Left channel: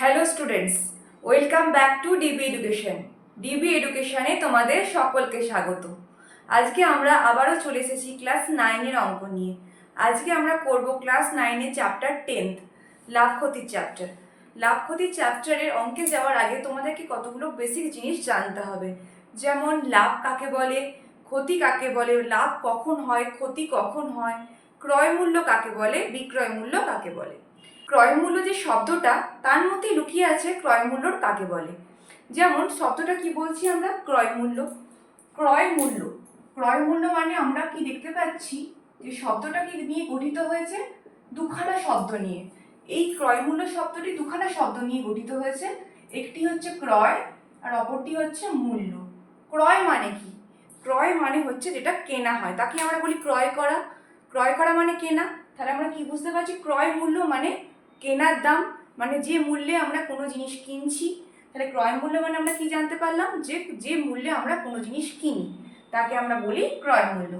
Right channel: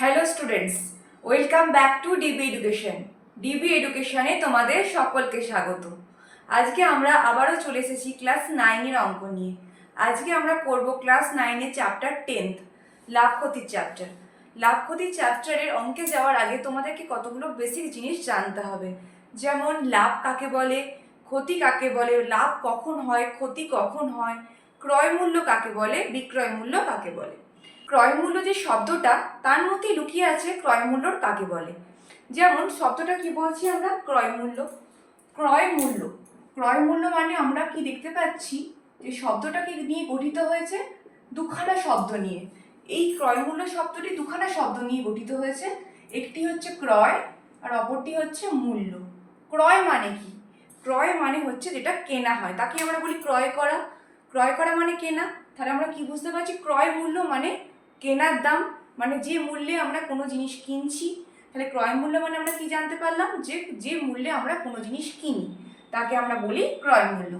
Hello students, welcome back to DB education. DB এডুকেশনে তোমাদের সকলকে স্বাগত। আজকে আমরা আবারও চলে এসেছি ক্লাস 9-এর অঙ্ক নিয়ে। আজকে আমরা করব ক্লাস 9-এর চ্যাপ্টার 10th, লাভ ক্ষতির চ্যাপ্টার। লাভ ক্ষতির চ্যাপ্টারের অঙ্কে যাওয়ার আগে তোমাদেরকে কতগুলো বেসিক জিনিস জানতে হবে, যেমন লাভ কাকে বলে, ক্ষতি কাকে বলে, লাভ কখন হয়, ক্ষতি কখন হয়, ক্রয় মূল্য কাকে বলে, বিক্রয় মূল্য কাকে বলে। ক্রয় মূল্য যে শব্দটা, তার মধ্যে লুকিয়ে আছে ক্রয় মূল্য কাকে বলে। যেমন শব্দটা কি বলছি আমরা, ক্রয় মূল্য। ক্রয় মূল্য, ক্রয় মূল্য মানে আমরা কি দেখতে পাচ্ছি যে শব্দটা কি নিয়ে গঠিত হয়েছে, দুখানা শব্দ নিয়ে। এই ক্রয় মূল্য শব্দটি দুখানা শব্দ নিয়ে গঠিত হয়েছে, একটি হচ্ছে ক্রয় আর অপরটি হচ্ছে মূল্য। ক্রয় মানে কি? ক্রয় মানে হচ্ছে যেটা কেনা হয়, তাকে আমরা বলি ক্রয় করা। ক্রয় করা মানে কেনা। তাহলে আমরা কি বুঝতে পারছি, ক্রয় মূল্য মানে কেনার দাম, মানে যে মূল্যে আমরা কোনো জিনিস কিনছি। তাহলে ক্রয় মূল্য মানে আমরা কি জানতে পারলাম, যে যে মূল্যে আমরা কোনো জিনিস কিনি তাকে আমরা বলি ক্রয় মূল্য।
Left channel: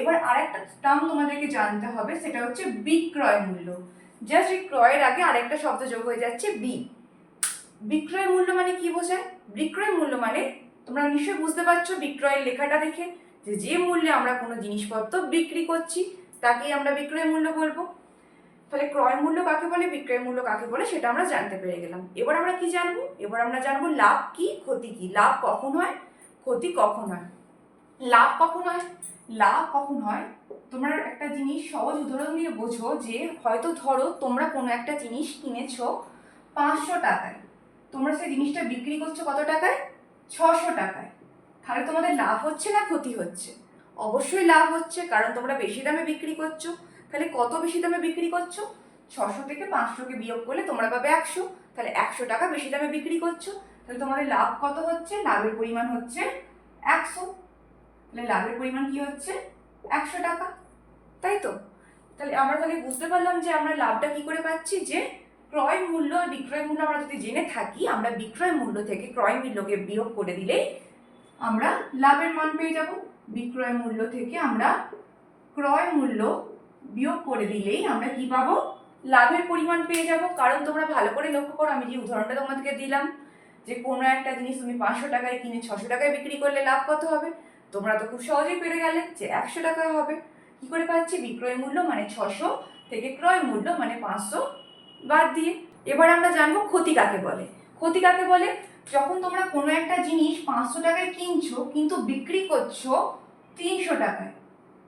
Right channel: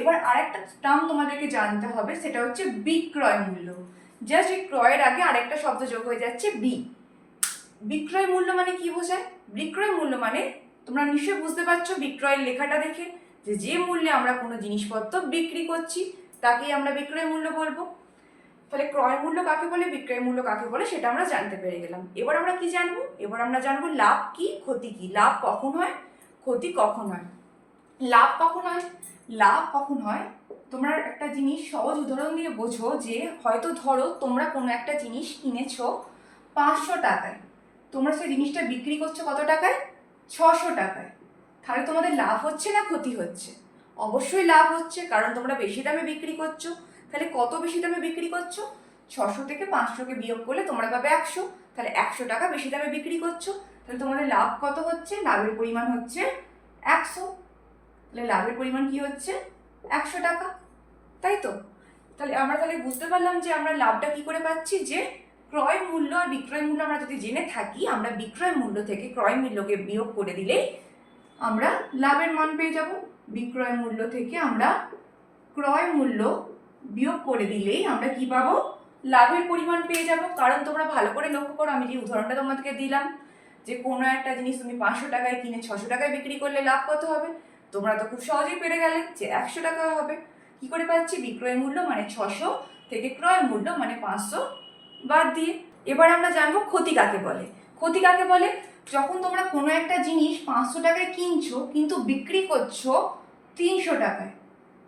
এবার আরেকটা টার্ম তোমাদেরকে জানতে হবে, সেটা হচ্ছে বিক্রয় মূল্য। জাস্ট এই ক্রয়ের আগে আরেকটা শব্দ যোগ হয়ে যাচ্ছে বি। বিক্রয় মূল্য মানে কি বোঝায়? বিক্রয় মূল্য মানে তোমরা নিশ্চয়ই বুঝতে পারছো বিক্রয়ের লেখাটা দেখে, যে যে মূল্যে আমরা কোনো জিনিসপত্র বিক্রি করছি তাকেই আমরা বিক্রয় মূল্য বলবো। তাহলে ক্রয় মূল্য কাকে বলে, বিক্রয় মূল্য কাকে বলে, সেটা আমরা জানতে পেরে গেলাম। এবার আমরা কি জানবো? এবার আমরা জানবো লাভ কি, ক্ষতি কি। লাভ কখন হয়, ক্ষতি কখন হয়। লাভ কখন হয়? লাভ কখন হয়, তোমরা একটা জিনিস সহজ উদাহরণ দিয়ে বোঝো, যে হয়তো ধরো তোমরা কোনো একটা জিনিস কিনেছো 500 টাকায়, তোমরা সেই জিনিসটা বিক্রি করছো কত টাকায়? 600 টাকায়। তাহলে তোমাদের লাভ হচ্ছে না ক্ষতি হচ্ছে? অবশ্যই লাভ হচ্ছে, কারণ তোমরা বেশি দামে বিক্রি করছো। তাহলে কত বেশি দামে বিক্রি করছো? 600 থেকে 500কে বিয়োগ করলে তোমরা পাবে 100। তাহলে 100 টাকা বেশি দামে বিক্রি করছো। তাহলে তোমাদের লাভ কত হচ্ছে? লাভের পরিমাণ হচ্ছে 100। তাহলে লাভের পরিমাণ কি হচ্ছে? 100 টাকা, তাই তো? তাহলে বুঝতে পারলাম যে আমরা লাভটা কি করে পাচ্ছি, যে ক্রয় মূল্য আর বিক্রয় মূল্য আমরা যদি জেনে থাকি, আমরা বিক্রয় মূল্য থেকে ক্রয় মূল্যকে বিয়োগ করে দিলেই আমরা লাভের মান পেয়ে যাব। বিক্রয় মূল্য থেকে আমরা ক্রয় মূল্য বিয়োগ করে দিলেই আমরা কি পাবো? লাভের পরিমাণ পেয়ে যাব। কারণ তোমরা ভালো করে লক্ষ্য করো, আমি যে উদাহরণটা তোমাদেরকে দিলাম, যে কোনো একটা জিনিস তুমি 500 টাকায় কিনে 600 টাকায় বিক্রি করলে লাভ কত হবে? তোমরা তো খুব সহজেই পেরে গেলে যে 100 টাকা হবে। কি করে পাচ্ছি? বিক্রয় মূল্য মানে 600 থেকে ক্রয় মূল্য মানে 500 বাদ দিয়ে। এবার আমরা জানবো ক্ষতি কাকে বলে। ক্ষতি কাকে বলে? যখন তোমরা কোনো একটা জিনিস 500 টাকায় কিনছো কিন্তু বিক্রি করছো 300 টাকায়,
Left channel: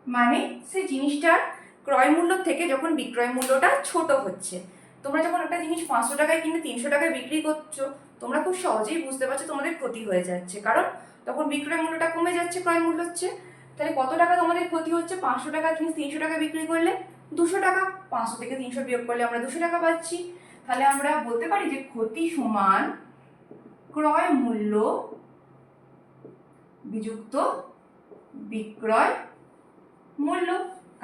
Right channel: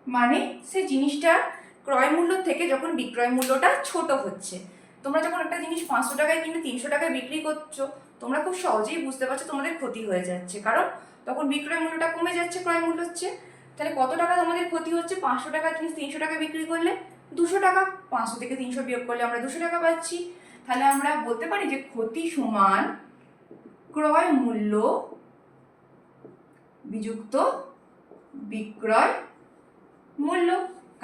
মানে সেই জিনিসটার ক্রয় মূল্য থেকে যখন বিক্রয় মূল্যটা ছোট হচ্ছে। তোমরা যখন একটা জিনিস 500 টাকায় কিনে 300 টাকায় বিক্রি করছো, তোমরা খুব সহজেই বুঝতে পারছো তোমাদের ক্ষতি হয়ে যাচ্ছে, কারণ তখন বিক্রয় মূল্যটা কমে যাচ্ছে, ক্রয় মূল্য হচ্ছে। তাহলে কত টাকা তোমাদের ক্ষতি হচ্ছে? 500 টাকার জিনিস 300 টাকা বিক্রি করলে 200 টাকা। 500 থেকে 300 বিয়োগ করলে আমরা 200 টাকা পাচ্ছি। তাহলে আমরা বলতে পারি যে ক্ষতি সমান ক্রয় মূল্য বিযুক্ত বিক্রয় মূল্য।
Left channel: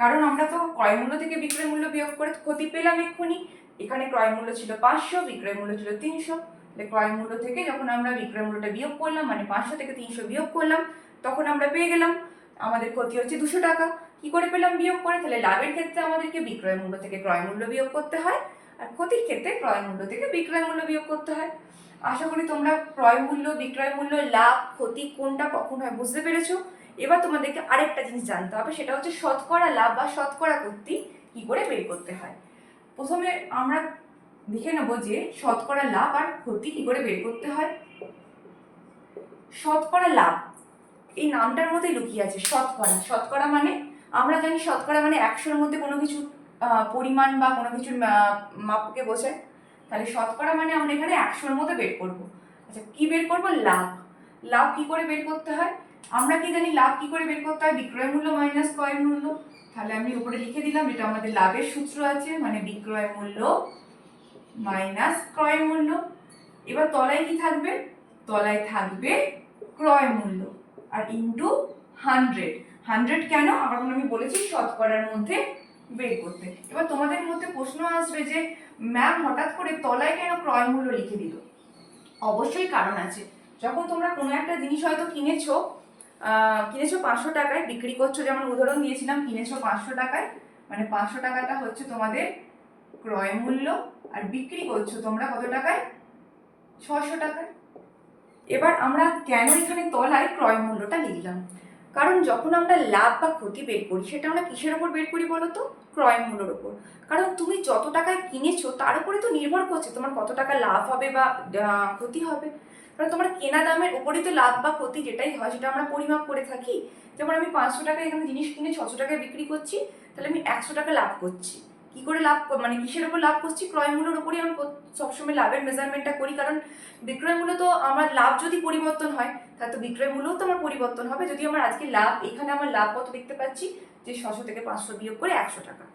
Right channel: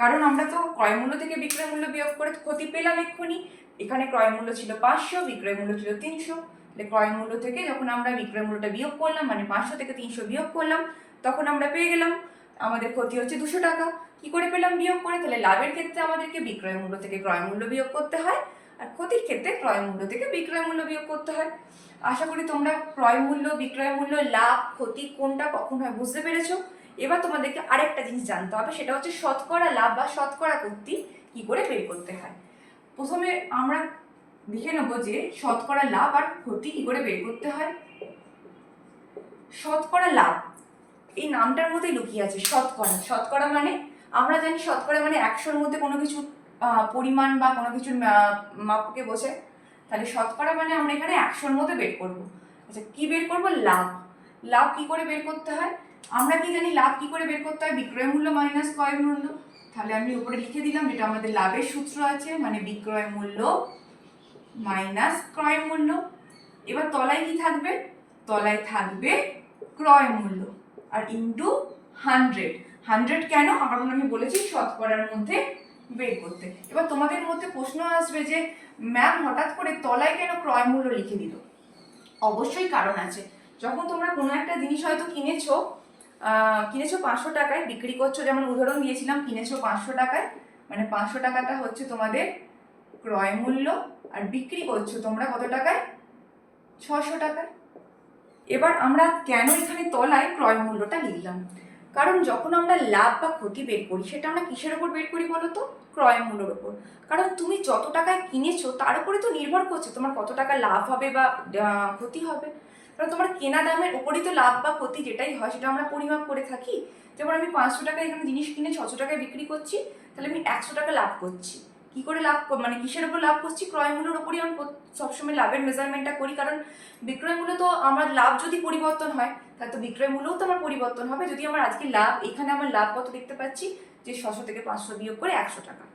কারণ আমরা তো ক্রয় মূল্য থেকে বিক্রয় মূল্য বিয়োগ করে ক্ষতি পেলাম এক্ষুনি। এখানে ক্রয় মূল্য ছিল 500, বিক্রয় মূল্য ছিল 300। তাহলে ক্রয় মূল্য থেকে যখন আমরা বিক্রয় মূল্যটা বিয়োগ করলাম, মানে 500 থেকে 300 বিয়োগ করলাম, তখন আমরা পেয়ে গেলাম আমাদের ক্ষতি হচ্ছে 200 টাকা। কি করে পেলাম? বিয়োগ করে। তাহলে লাভের ক্ষেত্রে আমাদেরকে বিক্রয় মূল্য থেকে ক্রয় মূল্য বিয়োগ করতে হয়, আর ক্ষতির ক্ষেত্রে ক্রয় মূল্য থেকে বিক্রয় মূল্য বিয়োগ করতে হয়। আশা করি তোমরা ক্রয় মূল্য, বিক্রয় মূল্য, লাভ, ক্ষতি কোনটা কখন হয় বুঝতে পেরেছো। এবার তোমাদেরকে আরেকটা জিনিস জানতে হবে, সেটা হচ্ছে শতকরা লাভ বা শতকরা ক্ষতি কি করে বের করতে হয়। প্রথমে আমরা দেখে নেব যে শতকরা লাভ আর ক্ষতি কি করে বের করতে হয়। শতকরা লাভ, এই নামটার মধ্যে লুকিয়ে আছে শতকরা। শতকরা মানে আমরা জানি শতকরা মানে 100-র মধ্যে কোনো কিছু পরিমাণ বা কোনো কিছুর মাপকে বোঝায়। তাহলে শতকরা মানে আমরা এখানে 100-র মধ্যে বের করব। আচ্ছা, কি বের করব? লাভ। লাভ কি করে বের করতে হয়? আমরা কি জানি লাভ কি করে বের করতে হয়? বিক্রয় মূল্য মাইনাস ক্রয় মূল্য। তাহলে আমি উপরে লিখে দিলাম, এটা আমাদের লাভের সূত্র আছে, মানে বিক্রয় মূল্য মাইনাস ক্রয় মূল্য। এবার তলায় কি থাকবে? তলায় থাকবে ক্রয় মূল্য আর ইন্টু 100। 100 কেন? কারণ আমি বলেছি শতকরার মধ্যে বের করতে। এবার তোমাদের মধ্যে প্রশ্ন আসবে যে ম্যাম হঠাৎ করে তলায় কেন ক্রয় মূল্য লিখে দিল? অবশ্যই কারণ আছে। যখন তোমরা কোনো একটা জিনিস হয়তো কিনেছো 500 টাকায়, বিক্রি করছো, যেমন উদাহরণ দিয়েছিলাম কিনেছো 500 টাকায়, মানে 500 টাকাটা হচ্ছে তোমাদের ক্রয় মূল্য, আর বিক্রি করছো তোমরা কত টাকায়? 600 টাকায়। এবার আমরা কেন এখানে তলায় ক্রয় মূল্যটা লিখলাম? কারণ যখন আমরা লাভ বা ক্ষতি বের করি সেটা আমরা কিসের ওপর বের করি বলো তো? ক্রয় মূল্যের ওপর। কারণ তুমি যত টাকায় কিনেছো তার উপরে তো নির্ভর করছে তোমার কত টাকা লাভ হবে বা ক্ষতি হবে। কারণ তোমার কেনা দামের উপরই তো লাভ বা ক্ষতি যেটাই হয় সেটা আমরা পরিমাপ করে থাকি। যেমন আমি 500 টাকায় এখানে জিনিস কিনে 600 টাকায় বিক্রি করছি, তাহলে আমি 100 টাকা লাভ করছি। কি করে লাভ, মানে কিসের উপর লাভ করছি? ক্রয় মূল্যের উপরই আমি সবসময় লাভের মেজারমেন্টটা করি। কারণ বিক্রয় মূল্য তো আমার লাভ যদি পরিবর্তন হয় তাহলে তো বিক্রয় মূল্যও তো আমার পরিবর্তন হবে। যদি আমার আজকে লাভ, এখানে আমার লাভ কত দেখতে পাচ্ছি যে 600 থেকে 500 বিয়োগ করে 100 টাকা।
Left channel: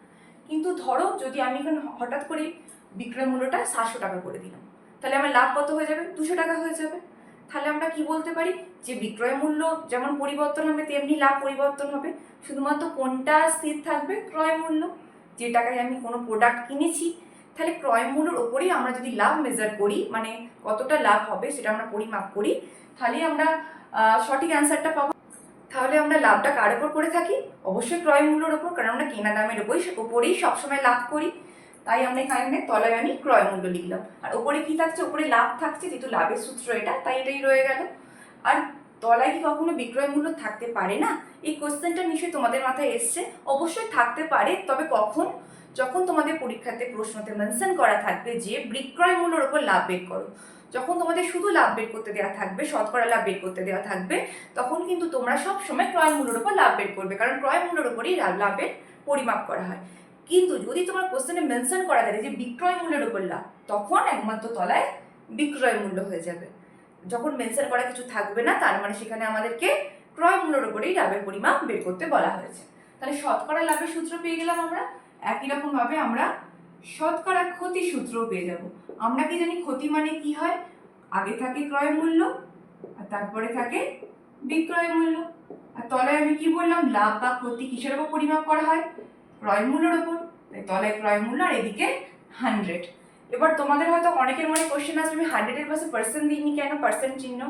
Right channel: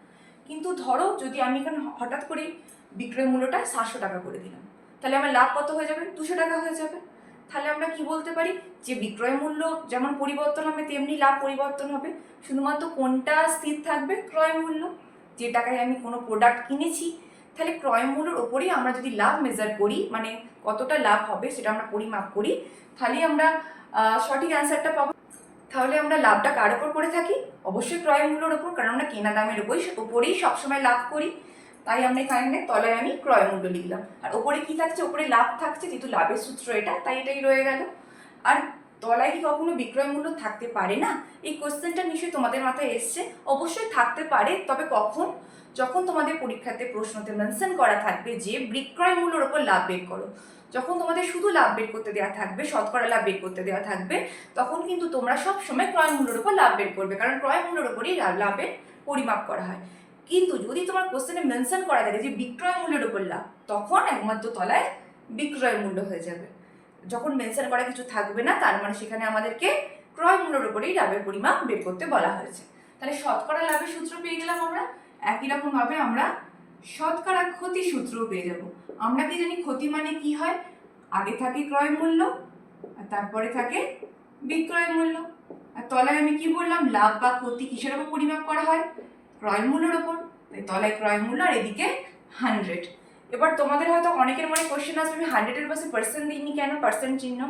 কিন্তু ধরো যদি আমি এখানে হঠাৎ করে বিক্রয় মূল্যটা 700 টাকা করে দিলাম, তাহলে আমার লাভ কত হয়ে যাবে? 200 টাকা হয়ে যাবে। তাহলে আমরা কি বলতে পারি যে বিক্রয় মূল্য যেমন পরিবর্তন হবে তেমনি লাভ পরিবর্তন হবে। শুধুমাত্র কোনটা স্থির থাকবে? ক্রয় মূল্য। যে টাকায় আমি কোনো প্রোডাক্ট কিনেছি, তাহলে ক্রয় মূল্যের ওপরেই আমরা যদি লাভ মেজার করি, মানে কতটা লাভ হবে সেটা আমরা পরিমাপ করি, তাহলে আমরা সঠিক অ্যান্সারটা পাবো। তাহলে আমরা লাভটা কার ওপর করে থাকি? অবশ্যই ক্রয় মূল্যের ওপর, কারণ আমরা কেনা দামের ওপরেই সবসময় লাভ করি। তাই আমরা এখানে তলায় আমি ক্রয় মূল্য লিখলাম। আর ওপরে কি থাকছে? ওপরে লাভ থাকছে, যেহেতু লাভের সূত্র এটা, তাই এটাই রয়ে গেল। আর তলায় কি কখনো বিক্রয় মূল্য থাকতে পারে না? এই কোশ্চেনটা নিশ্চয়ই তোমাদের মাথায় এসছে। অবশ্যই থাকতে পারে, তবে কখন? যখন তোমাদের পরীক্ষাতে প্রশ্নতে মেনশন করা থাকবে যে বিক্রয় মূল্যের ওপর লাভ বের করো। যখন তোমাদের শুধু লাভ বের করতে দেওয়া থাকবে, শতকরা লাভ বের করতে দেওয়া থাকবে, তখন কিন্তু তোমরা সব সময় ক্রয় মূল্যের উপর লাভ বের করবে, কারণ ক্রয় মূল্যের উপরই লাভের পরিমাপ করা হয়। কিন্তু যদি তোমার কোশ্চেনে মেনশন করা থাকে যে বিক্রয় মূল্যের উপর লাভ, তখন একমাত্র তলায় বিক্রয় মূল্য হয়ে যাবে। যখন মেনশন করা কিছু থাকবে না, তার মানে সেখানে আমাদেরকে ক্রয় মূল্যের উপরেই লাভের পরিমাপ বের করতে বলা হয়েছে। তাহলে শতকরা লাভের সূত্র পেয়ে গেলাম আমরা। একই রকম ভাবে আমরা শতকরা ক্ষতি সূত্রও পেয়ে যাব। আমরা কি জানি ক্ষতি মানে কি হয়? আগে থাকে ক্রয় মূল্য আর তারপরে থাকে বিক্রয় মূল্য। আর তলায় আমি কি বললাম? লাভ বা ক্ষতি কিসের উপর পরিমাপ করা হয়? ক্রয় মূল্যের উপর। তাই তলায় ক্রয় মূল্য আর এদিকে 100। এবার তোমাদের হয়তো অনেকের মনে কোশ্চেন আসবে, আমি 100-এর পাশে পার্সেন্ট দিইনি কেন? পার্সেন্ট চিহ্ন,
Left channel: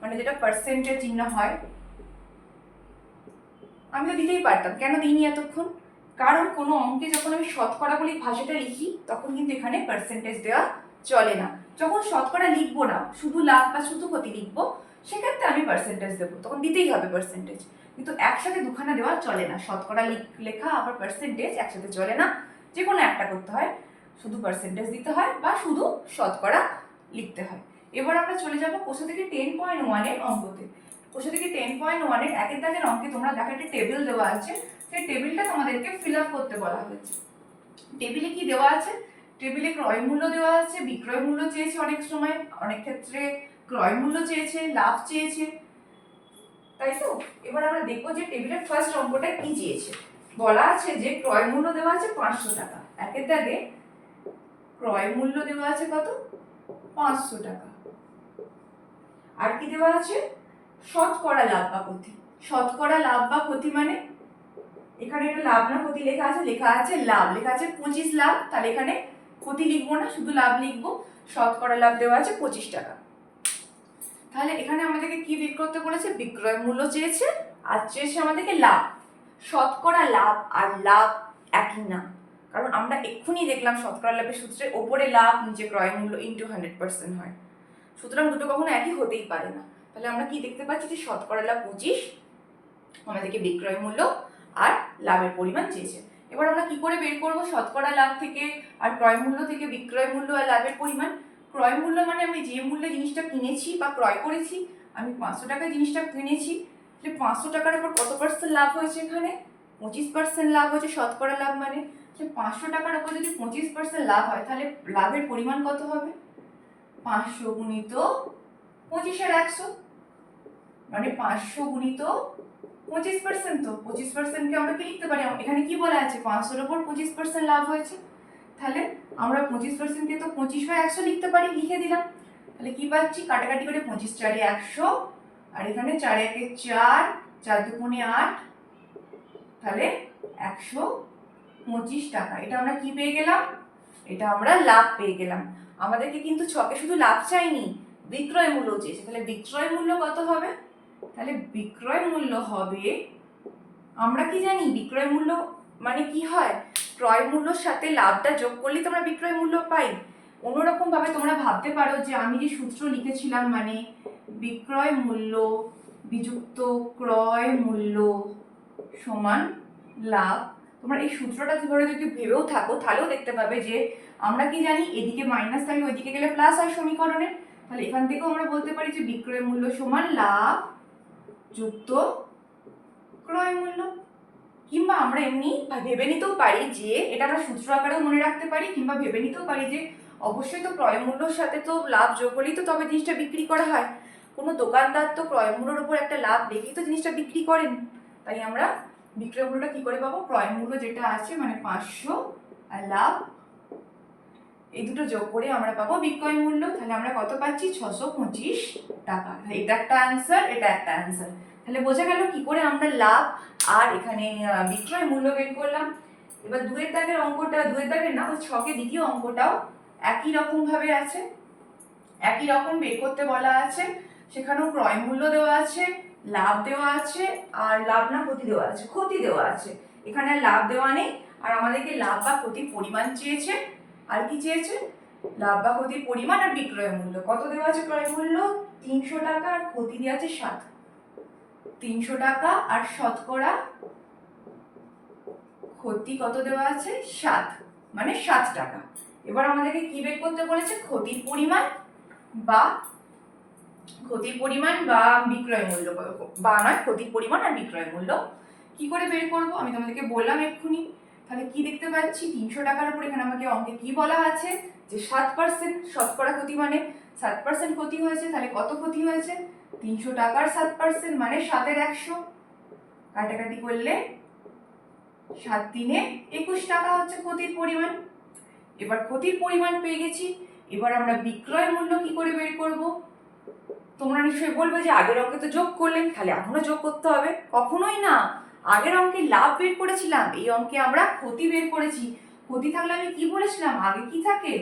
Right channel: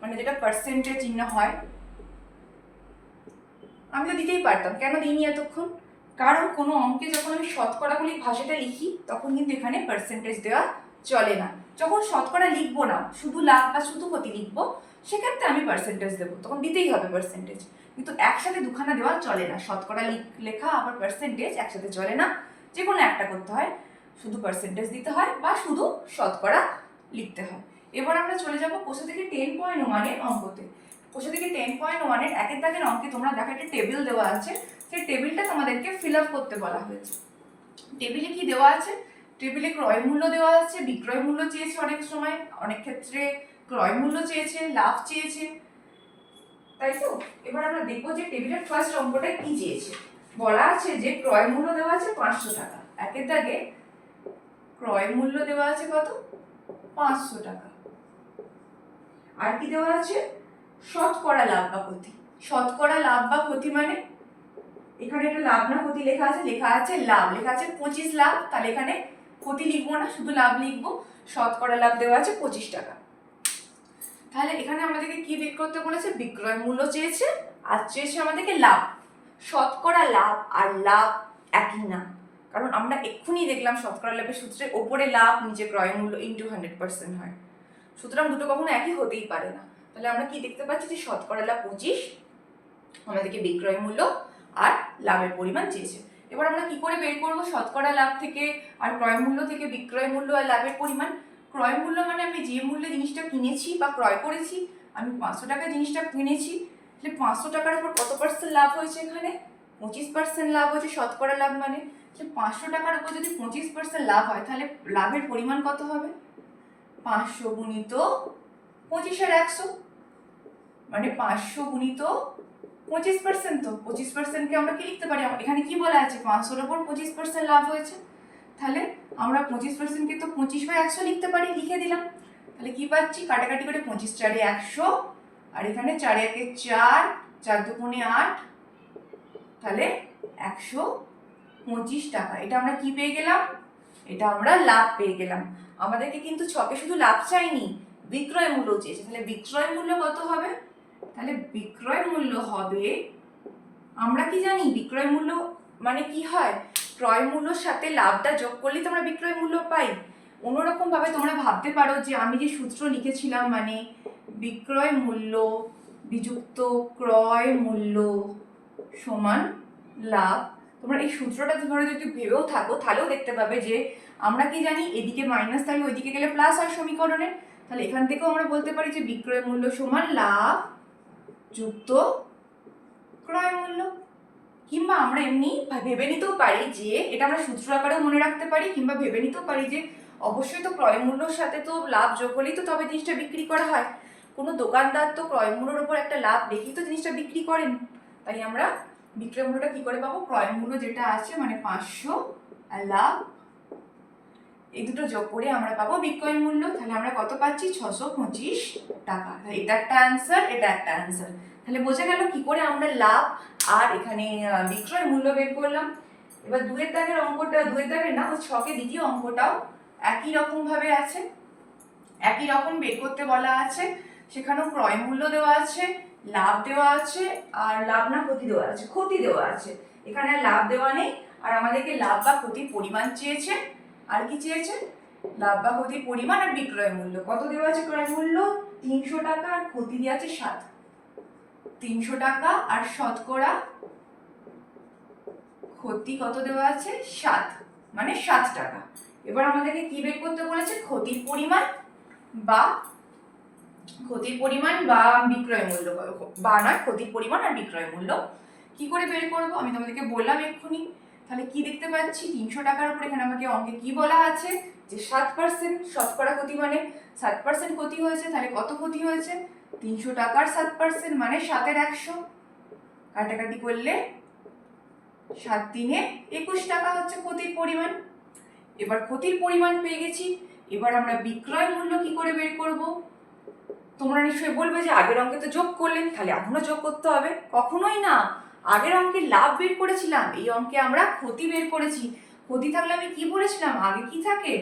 মানে যেটা পার্সেন্টের চিহ্ন হয়, আমি তো দিতেই পারতাম, কেন দিইনি এতক্ষণ? কারণ কোনো অঙ্কে যখন আমি শতকরা বলি ভাষাটা লিখি, তখন কিন্তু এখানে পার্সেন্টেজ দেওয়া চলে না। যখন শতকরা লিখবো না, শুধু লাভ বা শুধু ক্ষতি লিখবো, সেক্ষেত্রে আমি পার্সেন্টেজ দেবো, তখন দিতেই হবে পার্সেন্টেজ। কিন্তু একসাথে দুখানা দেওয়া চলে না, শতকরা লেখা আবার পার্সেন্টেজ একসাথে চলে না। যে কোনো একটা করতে হয়, শুধু পার্সেন্টেজ দিতে হয় বা শুধু শতকরা লিখতে হয়। এবার আমরা চলে যাবো কোষা থেকে 10.1-এর অঙ্কতে। কোষা থেকে 10.1-এর একের দাগের অঙ্কে তোমরা দেখো একটা টেবিল দেওয়া আছে, সেই টেবিলটা তোমাদেরকে ফিল আপ করতে বলা হয়েছে। টেবিলে কি দেওয়া আছে? টেবিলে ক্রয় মূল্য দেওয়া আছে, বিক্রয় মূল্য চেয়েছে, অনেক সময় অনেক ক্ষেত্রে ক্রয় মূল্য চেয়েছে, লাভ চেয়েছে, তাই তো? এবার আমরা দেখবো যে টেবিলের ফার্স্ট অঙ্কটা কি চেয়েছে। বলা আছে যে ক্রয় মূল্য দেওয়া আছে 500 টাকা। একের দাগে ক্রয় মূল্য দেওয়া আছে কত? 500 টাকা। আর কি দেওয়া আছে? শতকরা লাভ বা ক্ষতি। শতকরা লাভ বা ক্ষতি মানে এখানে একটা লাভ না ক্ষতি লেখা আছে? লেখা আছে লাভ, লেখা আছে 25 লাভ, তাহলে এখানে ক্ষতি লিখবো না, শুধু লাভ লিখবো। শতকরা লাভ দেওয়া আছে 25 টাকা। তাহলে এখানে আমাদেরকে কি বের করতে বলেছে? বিক্রয় মূল্য চেয়েছে আর চেয়েছে আমাদেরকে লাভ। শতকরা লাভ আর লাভ একই না, কারণ আমরা এক্ষুনি দেখলাম শতকরা লাভের সূত্রে ওপরে লাভ নিচে ক্রয় মূল্য ইন্টু 100% হয়, সুতরাং দুটো কখনো একই হতেই পারে না। তাহলে আমরা কি দেখতে পাচ্ছি যে শতকরা লাভ 25, আমাদেরকে বিক্রয় মূল্য আর লাভের পরিমাণ চেয়েছে। এবার আমরা কি করে বের করব শতকরা লাভ থেকে আর ক্রয় মূল্য থেকে বিক্রয় মূল্য আর লাভের পরিমাণ? ক্রয় মূল্য মানে আমি যে মূল্যে জিনিসটা কিনেছি বা ক্রয় করেছি, আমি 500 টাকায় জিনিসটা কিনেছি, তাহলে 500 টাকার উপর কত পার্সেন্ট লাভ হয়েছে? এখানে 25% লাভ হয়েছে। শতকরা লাভ মানে 500 টাকার উপর যদি 25% লাভ হয়, তাহলে লাভের পরিমাণ কত হবে? 500 গুণিত 25/100, মানে 500 গুণিত 25%। তো 25%কে আমরা কি লিখতে পারি? এখানে কি বলা আছে? 500-এর উপর 25% লাভ হয়েছে, তাহলে আমরা 25%কে তো 25/100 লিখতে পারি, লিখে দিলাম। তাহলে কি পাচ্ছি? কাটাকাটি করে 25×4 = 100, আর এখানে 4×1 = 4, 4×2 = 8, তাহলে 125 টাকা। এটা আমরা কি পেয়ে গেলাম? এটা আমরা লাভ পেয়ে গেলাম। আমাদেরকে কিন্তু ছকে শুধু লাভ চাইনি, বিক্রয় মূল্য চেয়েছে। তাহলে বিক্রয় মূল্য কত হবে? তাহলে বিক্রয় মূল্য হবে, আমরা কি জানি বিক্রয় মূল্য মানে কি হয়? ক্রয় মূল্যর সাথে লাভটা যোগ করলেই তোমরা বিক্রয় মূল্য পাই। অন্যরকমভাবে তোমরা ভাবতে পারো যে আমি যে সূত্র লিখেছিলাম, মানে বিক্রয় মূল্য বিযুক্ত ক্রয় মূল্য সমান লাভ, তোমরা এই সূত্রটা ধরে যদি ভেবেও থাকো তাহলেও দেখতে পাবে যে আমরা কি জানি, এদিকে মাইনাস থাকে ওইদিকে গেলে প্লাস হয় সমীকরণের। তাহলে এখান থেকেও আমরা বলতে পারি যে বিক্রয় মূল্য সমান লাভ যুক্ত ক্রয় মূল্য। কিংবা আমরা এমনি ভেবে নিতেও পারি যে এটা আমরা সূত্র আকারেও মনে রাখতে পারি, কিংবা ভেবে নিতেও পারি যে অবশ্যই তো ক্রয় মূল্যর সাথে তো লাভ যোগ হলেই তো তবে জিনিসটা বিক্রি করা হয়। কোনো দোকানদার তো ক্রয় মূল্যের উপর একটা লাভ রেখেই তো জিনিসটা বিক্রি করেন। তাই আমরা বিক্রয় মূল্যটা কি করে পাবো, ক্রয় মূল্য যেটা আছে মানে 500 আর লাভ এই দুটো যোগ করে আমরা পাবো বিক্রয় মূল্য। তাহলে আমরা কত পাচ্ছি, 625 টাকা। এটা একটা অ্যান্সার, এটা একটা অ্যান্সার। তাহলে বোঝা গেল কি করে আমরা লাভ আর এখানে বিক্রয় মূল্য বের করলাম। এবার দুয়ের দাগের অঙ্কটা, দুয়ের দাগের না, ওই ছকের দ্বিতীয় অঙ্কটাও একই রকম ভাবে আছে, একই রকম বের করতে বলা আছে। সেখানেও ক্রয় মূল্য দেওয়া আছে, লাভ দেওয়া আছে, আর লাভ না ক্ষতি দেওয়া আছে, ক্ষতি দেওয়া আছে। এখানে লাভ দেওয়া নেই, আর আমাদেরকে লাভ বা ক্ষতির পরিমাণ চেয়েছে। আর কি চেয়েছে, লাভ বা ক্ষতির পরিমাণ আর বিক্রয় মূল্য। কত দেওয়া আছে, ক্রয় মূল্য 300 টাকা আর ক্ষতি দেওয়া আছে 7। 300 টাকা আর শতকরা ক্ষতি কত দেওয়া আছে, 7, মানে 7 টাকা। এবার আমাদেরকে কি বের করতে বলেছে, ক্ষতির পরিমাণ বা বিক্রয় মূল্য, বা নয় ক্ষতির পরিমাণ আর বিক্রয় মূল্য। কি করে বের করবো আমি তোমাদেরকে বললাম এক্ষুনি। তাহলে কি দেখতে পাচ্ছি, 300 টাকার উপর এখানে আমাকে অঙ্কে কি বলা আছে যে 7% শতকরা ক্ষতি, মানে 7% ক্ষতি হয়েছে। তাহলে কত ক্ষতি হয়েছে, 300 টাকার 7% মানে 7 এর 100, কাটাকাটি করলে 7 3 21 টাকা হচ্ছে ক্ষতির পরিমাণ। এবার ক্ষতির পরিমাণ পেয়ে গেছি, এবার আমরা বিক্রয় মূল্য কি করে বের করব। তোমরা নিশ্চয়ই বলবে যে আগের অঙ্কে তো যোগ করলেন, তাহলে এখনো যোগ করতে হবে। কখনোই না, আগের অঙ্কে লাভ বের করেছিলাম, এই অঙ্কে আমরা ক্ষতি বের করেছি। ক্ষতি থাকলে আমি কি বলেছিলাম, আগে কি থাকে,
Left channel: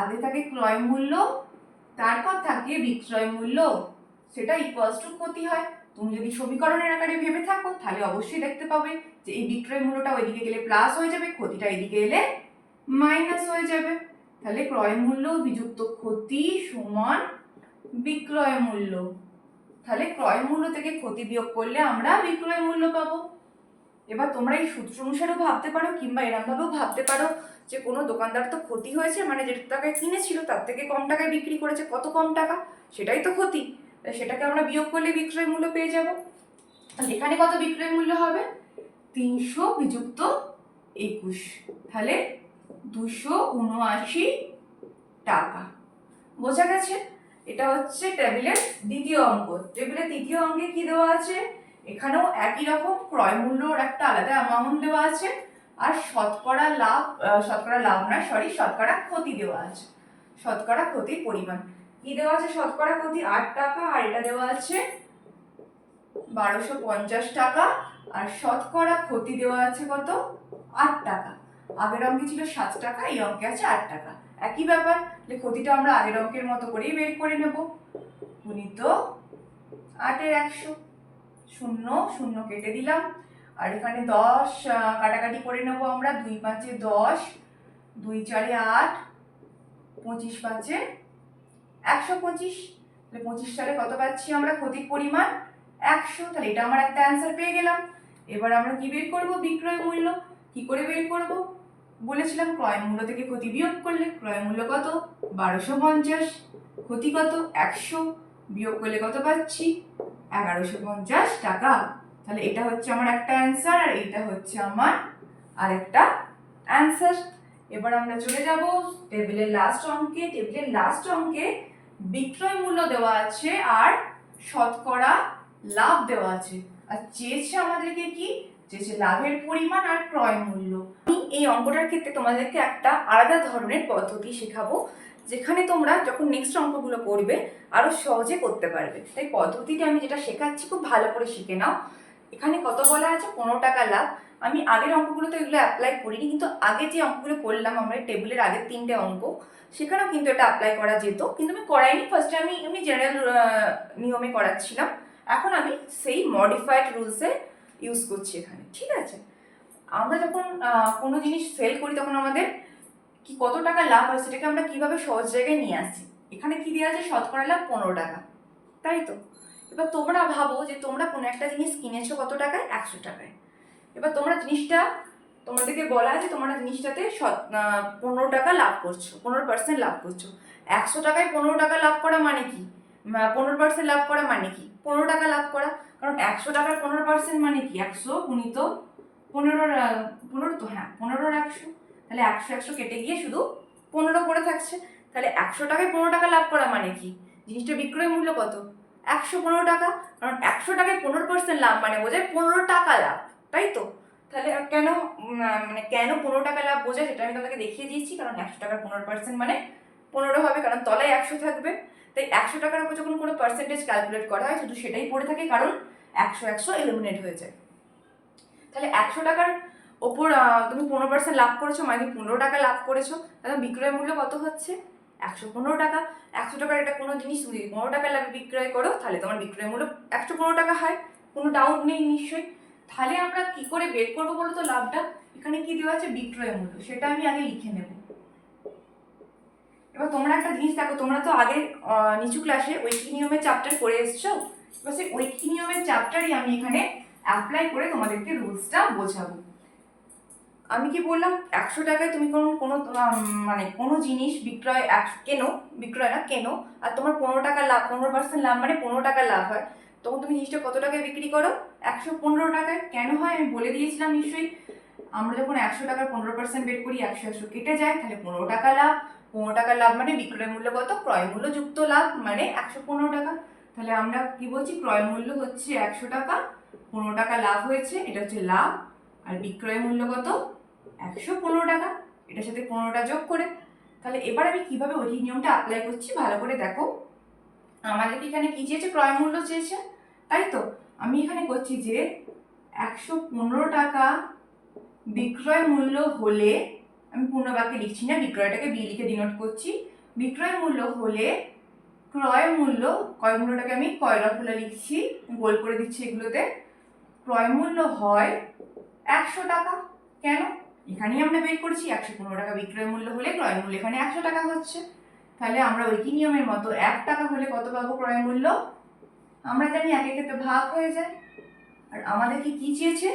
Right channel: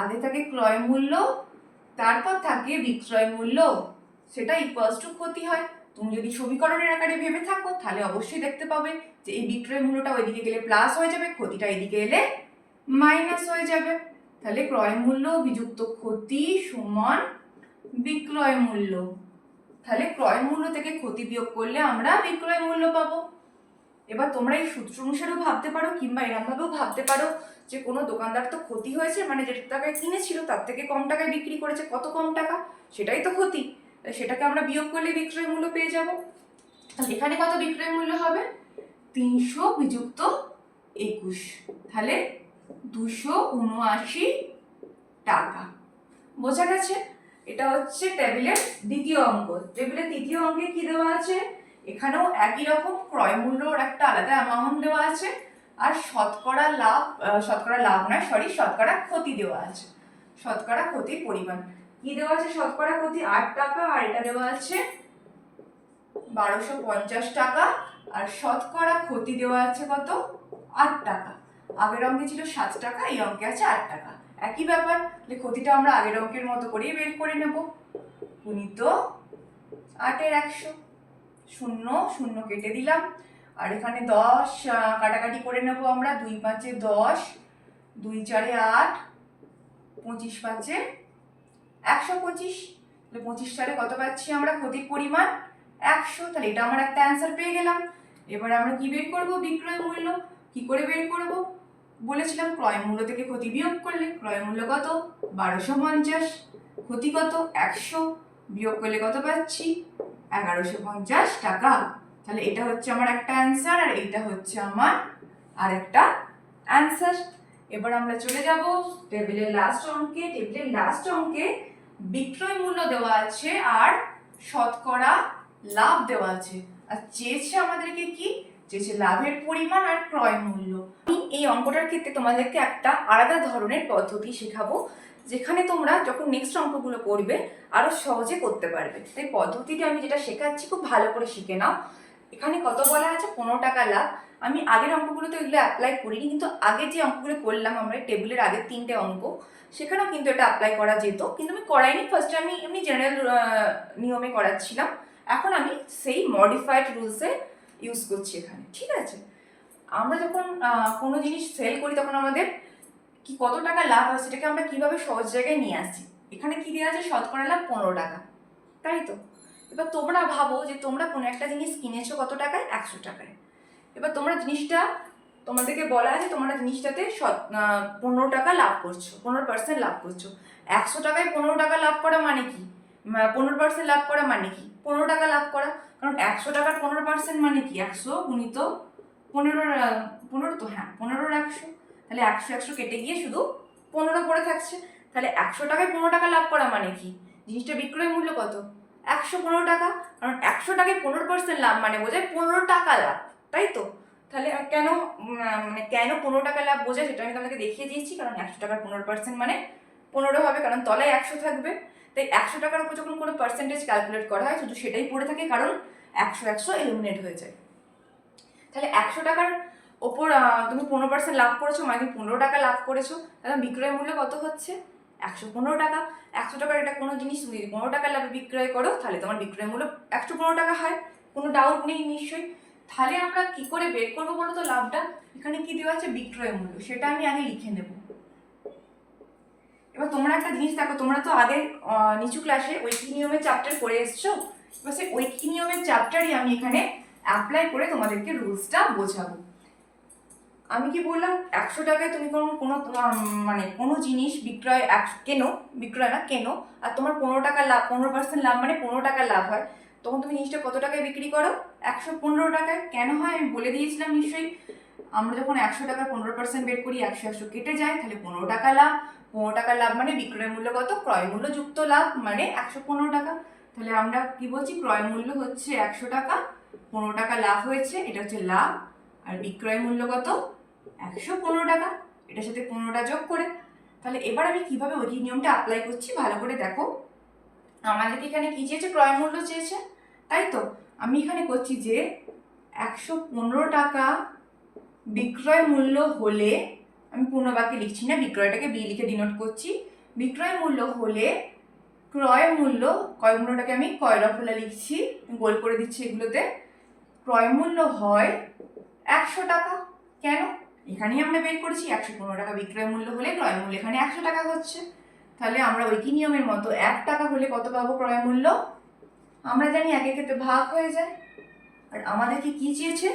আগে থাকে ক্রয় মূল্য, তারপর থাকে বিক্রয় মূল্য, সেটা ইকুয়ালস টু ক্ষতি হয়। তুমি যদি সমীকরণের আকারে ভেবে থাকো তাহলে অবশ্যই দেখতে পাবে যে এই বিক্রয় মূল্যটা ওইদিকে গেলে প্লাস হয়ে যাবে, ক্ষতিটা এদিকে এলে মাইনাস হয়ে যাবে। তাহলে ক্রয় মূল্য বিযুক্ত ক্ষতি সমান বিক্রয় মূল্য। তাহলে ক্রয় মূল্য থেকে ক্ষতি বিয়োগ করলে আমরা বিক্রয় মূল্য পাবো। এবার তোমরা এই সূত্র অনুসারেও ভাবতে পারো, কিংবা এরকম ভাবেও ভাবতে পারো যে কোনো দোকানদার তো ক্ষতি হয়েছে, মানে যে টাকায় কিনেছিল তার থেকে কম টাকায় বিক্রি করেছে, কত কম টাকা, সেটাই তো ক্ষতি। সেটাকে আমরা বিয়োগ করলে বিক্রয় মূল্য পেয়ে যাব। তাহলে এখানে কত বিক্রয় মূল্য হবে, 300 বিযুক্ত 21, তাহলে 279 টাকা। বোঝা গেছে? এটা হচ্ছে টেবিলের দ্বিতীয় অঙ্ক। টেবিলের তৃতীয় অঙ্কে কি দেওয়া আছে, এখানেও একই রকম ক্রয় মূল্যর একটা আলাদা অ্যামাউন্ট দেওয়া আছে, আর শতকরা ক্ষতি দেওয়া আছে। শতকরা ক্ষতির পরিমাণ কি দেওয়া আছে, শতকরা ক্ষতি 8 টাকা, আর এটা দেওয়া আছে 1250 টাকা, আর শতকরা ক্ষতি দেওয়া আছে কত, 8 টাকা। আগের অঙ্কে ছিল 7 টাকা, এই অঙ্কে আছে 8 টাকা। একই ব্যাপার, ক্ষতিটা আমরা আগের অঙ্কের মতো করেই বের করে নেব। গুণিত 8 এর 100, 0 0 কেটে দিলাম, আর এখানে 10 কাটাকাটি করে নেব আমরা। 2 5 10, 2 4 8, 25 5 125। 25 সালে কত পাচ্ছি আমরা, ক্ষতির পরিমাণ 100। তাহলে এটা আমার একটা অ্যান্সার পেয়ে গেলাম। এবার আমরা কি বের করব, বিক্রয় মূল্য। কি করে বের করব, বলেছিলাম ক্রয় মূল্য থেকে ক্ষতি বিয়োগ করলে। ক্রয় মূল্য কত, 1250, ক্ষতি কত 100, বিয়োগ করলে কত পাচ্ছি, 1150 টাকা। তাহলে এটা হচ্ছে আমার একটা অ্যান্সার, আর এটা হচ্ছে আমার আরেকটা অ্যান্সার। এবার আমরা চলে যাব টেবিলের লাস্ট অঙ্কে। টেবিলের লাস্ট অঙ্কে বিক্রয় মূল্য দেওয়া আছে আর শতকরা লাভ দেওয়া আছে, আর চেয়েছে আমাদেরকে কি, চেয়েছে লাভের পরিমাণ আর ক্রয় মূল্য। আমি এই অঙ্কটার ক্ষেত্রে তোমাদেরকে একটা আলাদা ধরনের পদ্ধতি শেখাবো, যেখানে তোমরা যখন নেক্সট অঙ্কগুলো করবে আরো সহজে করতে পারবে। তাই পদ্ধতিটি আমি যেটা শেখাচ্ছি খুব ভালো করে শিখে নাও। এখানে কত বলা আছে, 15 টাকা লাভ। আমি আগের অঙ্কগুলো তো এগুলো অ্যাপ্লাই করিনি, কিন্তু আগে যে অঙ্কগুলো করলাম আমরা টেবিলের আগের 3টে অঙ্ক, সেখানেও কিন্তু এটা অ্যাপ্লাই করা যেত, কিন্তু আমি করাইনি। ফার্স্টে আমি এমনি জেনারেল নিয়মে করাচ্ছিলাম, এখন আমি সেই মডিফাইড রুলসে ইউজ করছি এখানে, ঠিক আছে? আমরা যখন কোনো জিনিস সেল করি তখন আমাদের কি কত টাকা লাভ হয় সেটাকে আমরা কিভাবে সহজ জায়গায় নিয়ে আসছি। এখানে কি দেওয়া আছে, শতকরা লাভ 15 টাকা, তাই তো। এবার তোমরা ভাবো যে তোমরা কোনো একটা জিনিস কিনেছো কত টাকায়, 100 টাকায়। এবার তোমরা জিনিসটা, তোমাদেরকে বলা আছে তোমরা জিনিসটাতে 15 টাকা লাভ করছো, 15% লাভ করছো। 100 টাকায় 15 টাকা লাভ করা মানে কি, 15% লাভ করা মানে কি, 15 টাকা লাভ করা। কারণ 100 টাকার 15% মানে কি, 100 গুণিত 15, 15 তো, হ্যাঁ 15 100, তাহলে 100 100 কেটে গিয়ে শুধু 15 পড়ে থাকছে। তাহলে 100 টাকায় 15 টাকা লাভ করা মানে কি, জিনিসটা বিক্রয় মূল্য কত, 115 টাকা। কারণ 100 টাকায় 15% লাভ মানে বোঝায় 15 টাকা লাভ, তাই তো। তাহলে কেন মানে কেন 15 টাকা লাভ বোঝায় সেটা আমি তোমাকে দেখিয়ে দিয়েছি। কারণ 100 টাকার 15% মানে 15 হবে, কারণ তলায় 100 থাকবে। তাই 100 টাকার উপর যখন কোনো পার্সেন্টেজ ক্যালকুলেট করা হয় শুধু সেটাই পড়ে থাকে, কারণ 100 100 এলিমিনেট হয়ে যায়। তাহলে 100 টাকার ওপর তুমি 15% লাভ করেছো মানে তুমি 15 টাকা লাভ করেছো। তাহলে বিক্রয় মূল্য কত হচ্ছে, 115 টাকা। 100 টাকার এটা কোনো জিনিস তুমি যদি 15 টাকা লাভে বিক্রয় করো তাহলে তোমার বিক্রয় মূল্য 115 টাকা হয়, কোনো ডাউট নেই নিশ্চয়ই। তাহলে আমরা কি করে বের করবো বলো তো লাভটা, এখানে কি দেওয়া আছে বিক্রয় মূল্য, সেটা আমি আগে লিখে নেব। এবার তোমরা একটা জিনিস দেখো, তোমরা তো আগে নিচু ক্লাসে ঐকিক নিয়মের চ্যাপ্টার করে এসছো। এবার সেই ঐকিক নিয়মের চ্যাপ্টারই আমি এখানে অ্যাপ্লাই করে তোমাদেরকে রুলসটা বোঝাবো। আমি কি বললাম, 100 টাকায় তুমি কোনো মানে কোনো জিনিস বিক্রয় কেনো, বিক্রয় না কেনো, আর তোমার 15 টাকা লাভ, 15% লাভ মানে 15 টাকা লাভ হয়, তখন তুমি জিনিসটা কত টাকায় বিক্রি করো, 115 টাকায়। কেন হয় আমি বলে দিয়েছিলাম নিশ্চয়ই। আমরা যখন 100 টাকার 15% বের করি 100 100 কেটে যায়, তাহলে 15 টাকা লাভ। 15 টাকা লাভ মানে বিক্রয় মূল্য কত, ক্রয় মূল্য যুক্ত লাভ মানে 115 টাকা। তাহলে আমরা কি বলছি, ক্রয় মূল্য হচ্ছে 100 টাকা, 15 টাকা লাভ হয়েছে, এটা হচ্ছে লাভ। আর বিক্রয় মূল্য কত, 115 টাকা, এটার সাথে 15টা যোগ করে। তাহলে এবার আমি কিভাবে ওই নিয়মটা অ্যাপ্লাই করছি ভালো করে দেখো। আমাদের এখানে কি চেয়েছে, ক্রয় মূল্য চেয়েছে, তাই তো। আমি এখানে করছি যে 115 টাকা বিক্রয় মূল্য হলে, আমি পূর্ণ বাক্যে লিখছি না, বিক্রয়টাকে বি লিখে ডিনোট করছি। বিক্রয় মূল্য হলে ক্রয় মূল্য, ক্রয় মূল্যটাকে আমি কয়রা ফোলা লিখছি, গোল করে দিচ্ছি এগুলোতে। ক্রয় মূল্য হয় 100 টাকা। কেন, এখানেই আমরা বের করেছি 115 টাকা বিক্রয় মূল্য হলে ক্রয় মূল্য এখানে 100 টাকা হচ্ছে। তাহলে আমরা ঐকিক নিয়মের মতো 1 টাকা হলে কত পাবো ক্রয় মূল্য, আমরা জানি একের ক্ষেত্রে ভাগ হয়ে যায়। আর আমাদেরকে কি চেয়েছে,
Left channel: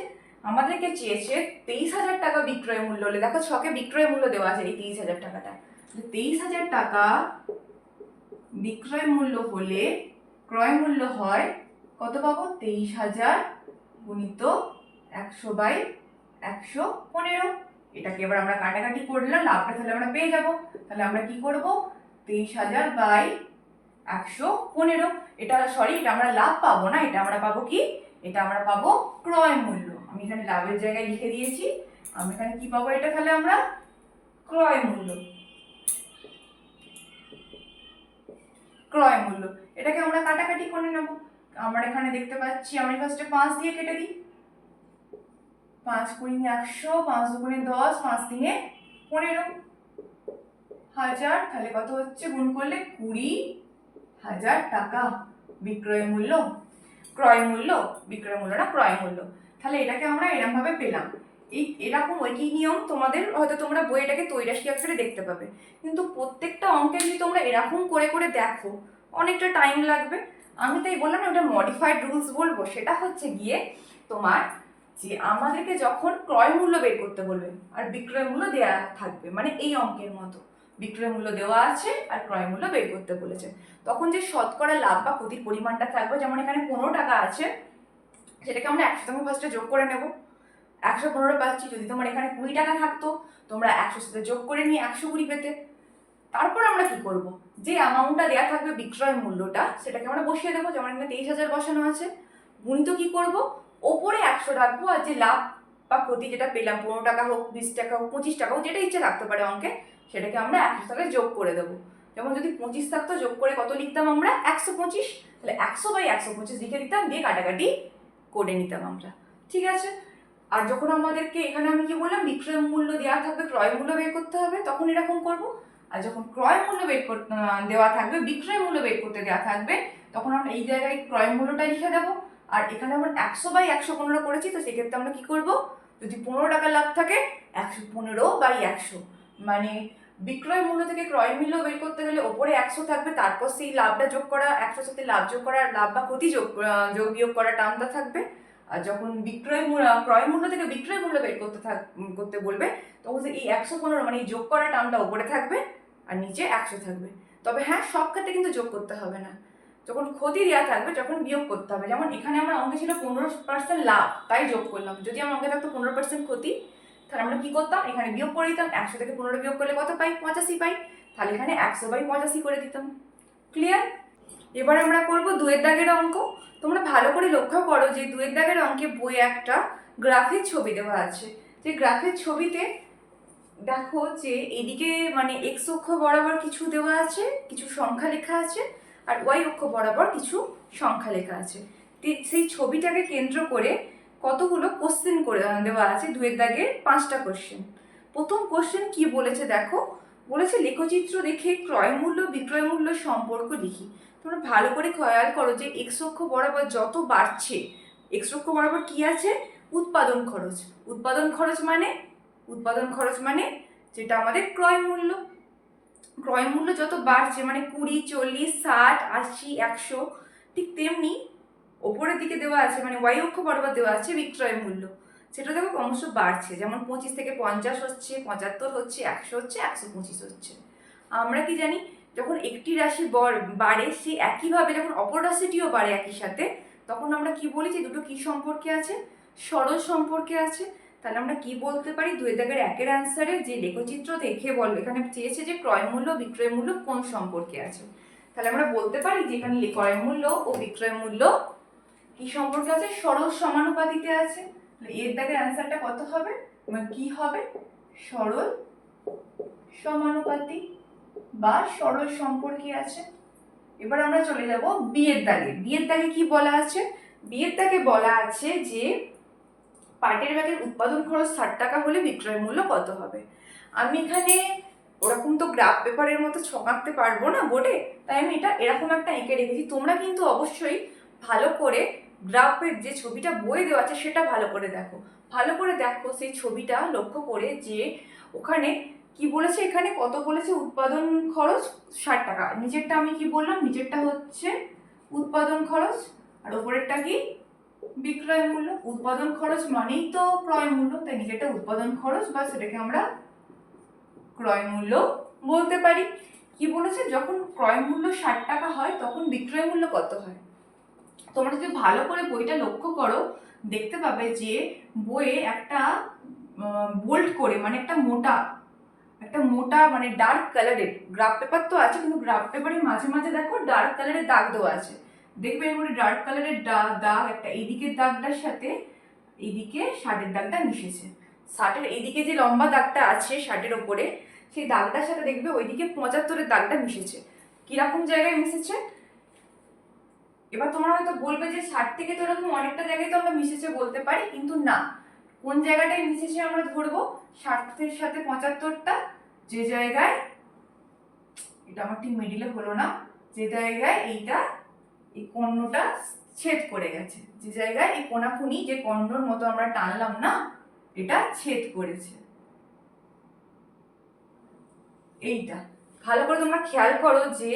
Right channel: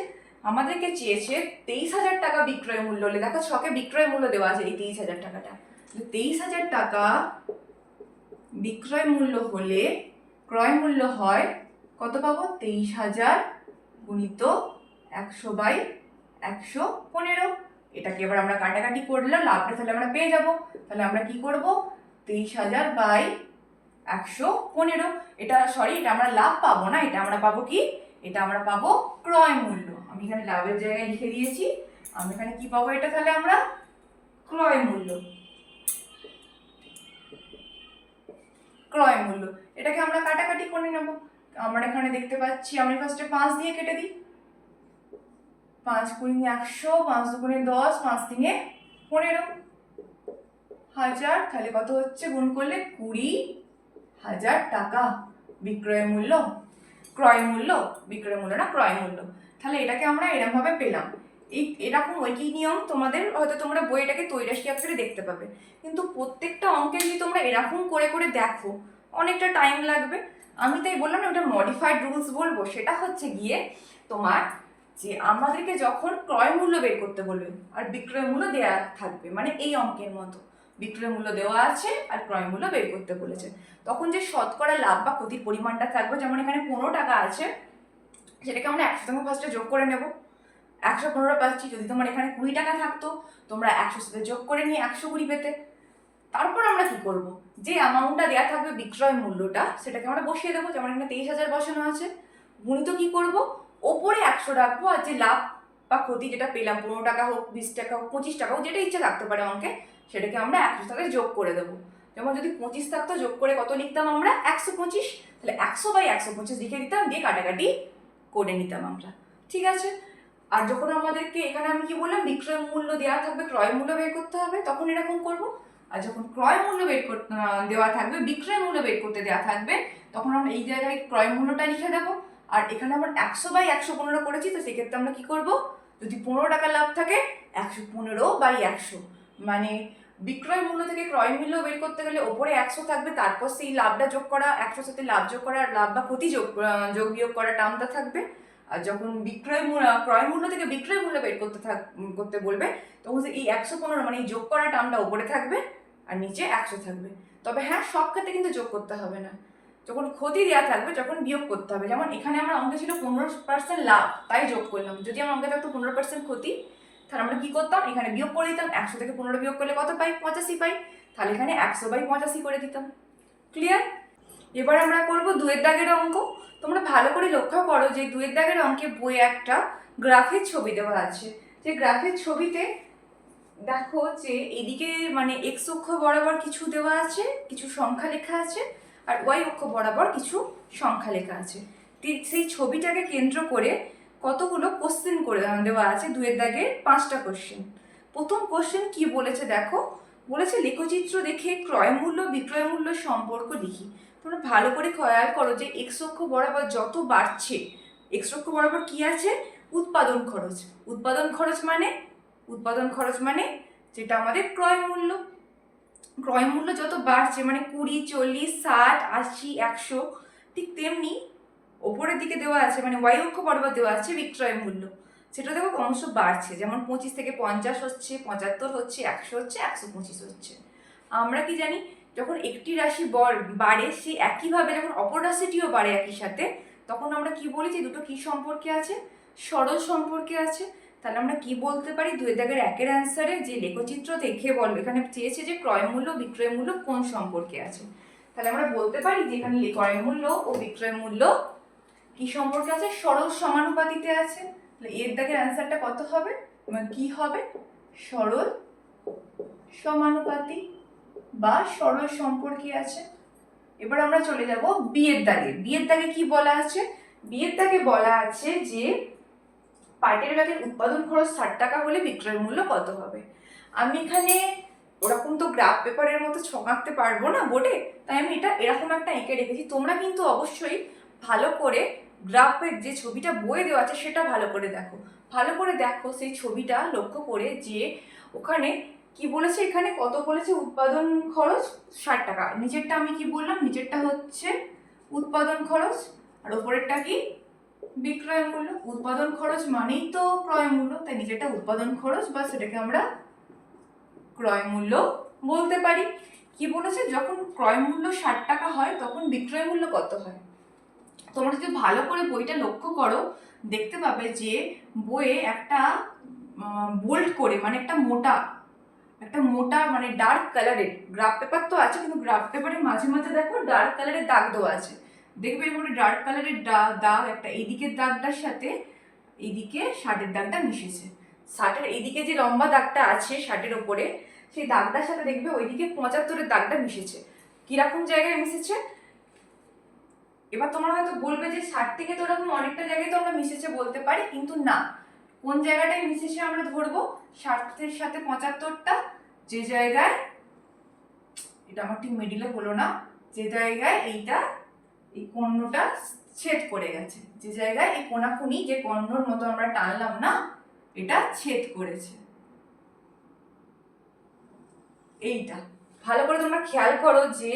আমাদেরকে চেয়েছে 23,000 টাকা বিক্রয় মূল্য হলে, দেখো ছকে বিক্রয় মূল্য দেওয়া আছে এই 23,000 টাকাটা। 23,000 টাকা বিক্রয় মূল্য হলে ক্রয় মূল্য হয় কত পাবো, 23,000 গুণিত 100/115। এটাকে এবার আমরা কাটাকাটি করলাম, লাভটা তাহলে আমরা পেয়ে যাব। তাহলে আমরা কি করব, 23,000/115, এটা সরি, এটা আমরা লাভ পাবো না, এটা আমরা পাবো কি, এটা আমরা পাবো ক্রয় মূল্য। আমি এখানে লাভের জায়গায় লিখে দিয়েছি, আমি এখানে কি পাবো, এটা তাহলে আমরা ক্রয় মূল্য, ক্রয় মূল্য। এটাকে আমরা কাটাকাটি করে নেব। আমরা এখানে দেখতে পাচ্ছি, আমি ফার্স্টে 5 দিয়ে কেটে দিই, 5 × 100, 5 × 2 = 10, 5 × 3 = 15,000। তাহলে কত হচ্ছে, গুণ করলে 20,000 টাকা বিক্রয় মূল্য, ক্রয় মূল্য, বিক্রয় মূল্য না ক্রয় মূল্য। তাহলে এটাকে আমরা এরকম ভাবে পেলাম। এরকম ঐকিক নিয়ম তোমাদের হয়তো তোমরা বইটাকে তৈরাশি আকারে দেখতে পাবে, কিন্তু প্রত্যেকটা অঙ্কে যদি তোমরা এরকম করে করে দেখো অনেকটা টাইম লাগবে। আমি তাই বললাম না, ওটা মডিফাইড রুলস বলবো। সেটা হচ্ছে গিয়ে তোমার যে আমাদেরকে যখন ক্রয় মূল্য বের করতে বলবে আর বিক্রয় মূল্য দেওয়া থাকবে, মানে এই অঙ্কের মতো বিক্রয় মূল্য দেওয়া আছে আর ক্রয় মূল্য বের করতে বলেছে, তখন যে শতকরা লাভ বা ক্ষতির পরিমাণটা থাকবে, যেমন এখানে 15 টাকা আছে, সেটাকে আমরা 100 সঙ্গে ফার্স্টে যোগ করে নেব। 115 পাচ্ছি, যদি তোমার এখানে 20 টাকা থাকতো তোমরা 100 সাথে যোগ করে নিয়ে 120 পেতে। তারপর আমরা কি করব, যে অ্যামাউন্টটা দেওয়া থাকবে বিক্রয় মূল্যটা সেটাকে আমরা বসিয়ে দেবো, যেমন এখানে 23,000 বসানো আছে। গুণিত কি করব, ওপরে 100 রাখবো, আর যে লাভ বা ক্ষতি যেটা পেলাম, 15 টাকা হোক, 20 টাকা হোক, 25 টাকা হোক, যেটা ইচ্ছে থাকতে পারে অঙ্কে, সেটাকে আমরা 100 সাথে যোগ করে দেবো। যেমন যদি 25 থাকতো, যোগ করে কত লিখতাম আমরা, 125। তাহলে 100/125 লিখে দিতাম, দিয়ে কাটাকাটি করে নিতাম আমরা, ঠিক আছে। আর যখন আমাদেরকে এখানে আমি কি বললাম, বিক্রয় মূল্য দেওয়া থাকবে, ক্রয় মূল্য বের করতে হবে, তখন এরকম করব। আর যখন ক্রয় মূল্য বের করতে দেওয়া থাকবে, বিক্রয় মূল্য বের করতে দেওয়া থাকবে, তখন আমরা এই জায়গায় ক্রয় মূল্যটা লিখে দেবো। আর এখানে আমরা 100/115 করেছি, তো সেক্ষেত্রে আমরা কি করব, যদি 15 টাকা লাভ থাকে 115/100, মানে বিক্রয় মূল্য থেকে ক্রয় মূল্য বের করতে গেলে ওপরে 100 থাকবে, তারপর সেই লাভটা যোগ করা, 100 সাথে লাভ যোগ করা, লাভ বা ক্ষতি যোগ বিয়োগ করা টার্মটা থাকবে। আর যখন ক্রয় মূল্য থেকে বিক্রয় মূল্য বের করতে বলবে, তখন এই 115 মানে এই যোগ করা টার্মটা উপরে থাকবে আর নিচে 100 থাকবে। তবে হ্যাঁ, সব ক্ষেত্রে কিন্তু যোগ করতে হবে না, যখন ক্ষতি দেওয়া থাকবে যখন বিয়োগ করতে হবে। যেমন এখানে আমার অঙ্কে ছিল 15% লাভ, তাই যোগ করলাম। যদি আমার অঙ্কে থাকতো 15% ক্ষতি, তাহলে আমরা কি করতাম, এখানে বিয়োগ করে দিতাম। 100 থেকে 15 বিয়োগ করলে কত পাই? 85 পাই। তাহলে এখানে 100/85 করে দিতাম। ক্লিয়ার? এবার আমরা করব 2 দাগের অঙ্ক। তোমরা ভালো করে লক্ষ্য করো যে 2 দাগের অঙ্কে বইয়ে একটা গ্রাফের ছবি দেওয়া আছে। যে গ্রাফের ছবিতে দেখো যে এদিকে মানে এক্স অক্ষ বরাবর কিছু দেওয়া আছে, কিছু সংখ্যা লেখা আছে, আর ওয়াই অক্ষ বরাবর কিছু সংখ্যা লেখা আছে। সেই ছবিটাকে কেন্দ্র করে কতগুলো কোশ্চেন করে দেওয়া আছে। 2 দাগের 5টা কোশ্চেন। প্রথম কোশ্চেন কি বলেছে দেখো, বলেছে লেখচিত্র দেখে ক্রয় মূল্য বিক্রয় মূল্য সম্পর্ক লিখি। তোমরা ভালো করে খেয়াল করো যে এক্স অক্ষ বরাবর যত বাড়ছে, এক্স অক্ষ বরাবর কি আছে? উৎপাদন খরচ। উৎপাদন খরচ মানে যেটা আমাদের ক্রয় মূল্য। ক্রয় মূল্য যত বাড়ছে মানে 20, 40, 60, 80, 100, ঠিক তেমনি ওপরের দিকে দেওয়া আছে মানে ওয়াই অক্ষ বরাবর দেওয়া আছে বিক্রয় মূল্য। সেটা দেখো ক্রমশ বাড়ছে, যেমন 25 থেকে 50 হচ্ছে, 75 হচ্ছে, 100 হচ্ছে, 125 হচ্ছে। আমরা কি জানি, যখন একটি রাশি বাড়ে, সে একইভাবে যখন অপর রাশিটিও বাড়ে একই সাথে, তখন আমরা কি বলি যে দুটো কি সম্পর্কে আছে? সরল সম্পর্কে আছে। তাহলে আমরা কি বলতে পারি? 2 দাগের 1-এর অ্যান্সারে যে লেখচিত্র দেখে এখানে চেয়েছে যে ক্রয় মূল্য বিক্রয় মূল্য কোন সম্পর্কে আছে। তাহলে আমরা বলতে পারি যে এখানে ক্রয় মূল্য ও বিক্রয় মূল্য কি সম্পর্কে আছে? সরল সমানুপাতিতে আছে। তাহলে এর দাগের অ্যান্সারটা কত হবে? কি হবে? সরল সমানুপাতি বা সরল সম্পর্কে আছে। এবার আমরা চলে যাব বিয়ের দাগে। বিয়ের দাগে কি বলা আছে? বিয়ের দাগে বলা আছে যে পাটের ব্যাগের উৎপাদন খরচ 60 টাকা হলে বিক্রয় মূল্য কত হবে। আমি এখানে ওরকম তো গ্রাফ পেপারের মতো ছক আঁকতে পারবো না বোর্ডে, তাই আমি এটা এরকম একটা এঁকে রেখেছি। তোমরা কিন্তু অবশ্যই ভালো করে গ্রাফের যে ছবিটা বইয়ে দেওয়া আছে সেটা ভালো করে দেখো। ভালো করে দেখো সেই ছবিটা লক্ষ্য করে যে ওখানে কি বলেছে, এখানে কত বলেছে? উৎপাদন খরচ 60 টাকা। নিচেরটা আমি কি বললাম? নিচেরটা হচ্ছে উৎপাদন খরচ আর ওপরেরটা কি? বিক্রয় মূল্য। উৎপাদন খরচ মানেই তো ক্রয় মূল্য, তাই নিচেরটা উৎপাদন খরচ বা সেটাকে আমরা ক্রয় মূল্য বলতে পারি। কি বলেছে? যখন ক্রয় মূল্য 60 টাকা হয় তখন বিক্রয় মূল্য কত হয়? তোমরা যদি ভালো করে বইটা লক্ষ্য করো দেখতে পাবে যে বইয়ে একটা বোল্ড করে মানে একটা মোটা মানে ডার্ক কালারের গ্রাফ পেপার তো আছে, কিন্তু গ্রাফ পেপারের মাঝে মাঝে দেখো ডার্ক কালারের দাগ দেওয়া আছে। দেখবে এর মধ্যে ডার্ক কালারের দাগ একটা এইদিকের দাগটার সাথে এইদিকে 60-এর দাগটা মিশেছে। 60-এর এইদিকে যে লম্বা দাগটা আছে 60-এর ওপরে, সেই দাগটার সাথে দেখবে ওইদিকে 75-এর দাগটা মিশেছে। কিরকম জায়গায় মিশেছে? এবার তোমরা হয়তো বলবে যে 60 থেকে তো এরকম অনেকটা জায়গায় তো আমরা মিশেছে বলতে পারি, কিন্তু না। কোন জায়গাটায় মিশেছে আমরা ধরবো? 60-এর সাথে 75টা যে জায়গায়, এটা আমার ঠিক মিডিলে হলো না, যে জায়গায় এইটা এই কর্ণটা ছেদ করে গেছে, যে জায়গায় এই কোনাকুনি যে কর্ণর মতো আমরা টানলাম না, এটা ছেদ করেছে। এইটা ভালো করে তোমরা খেয়াল করো যে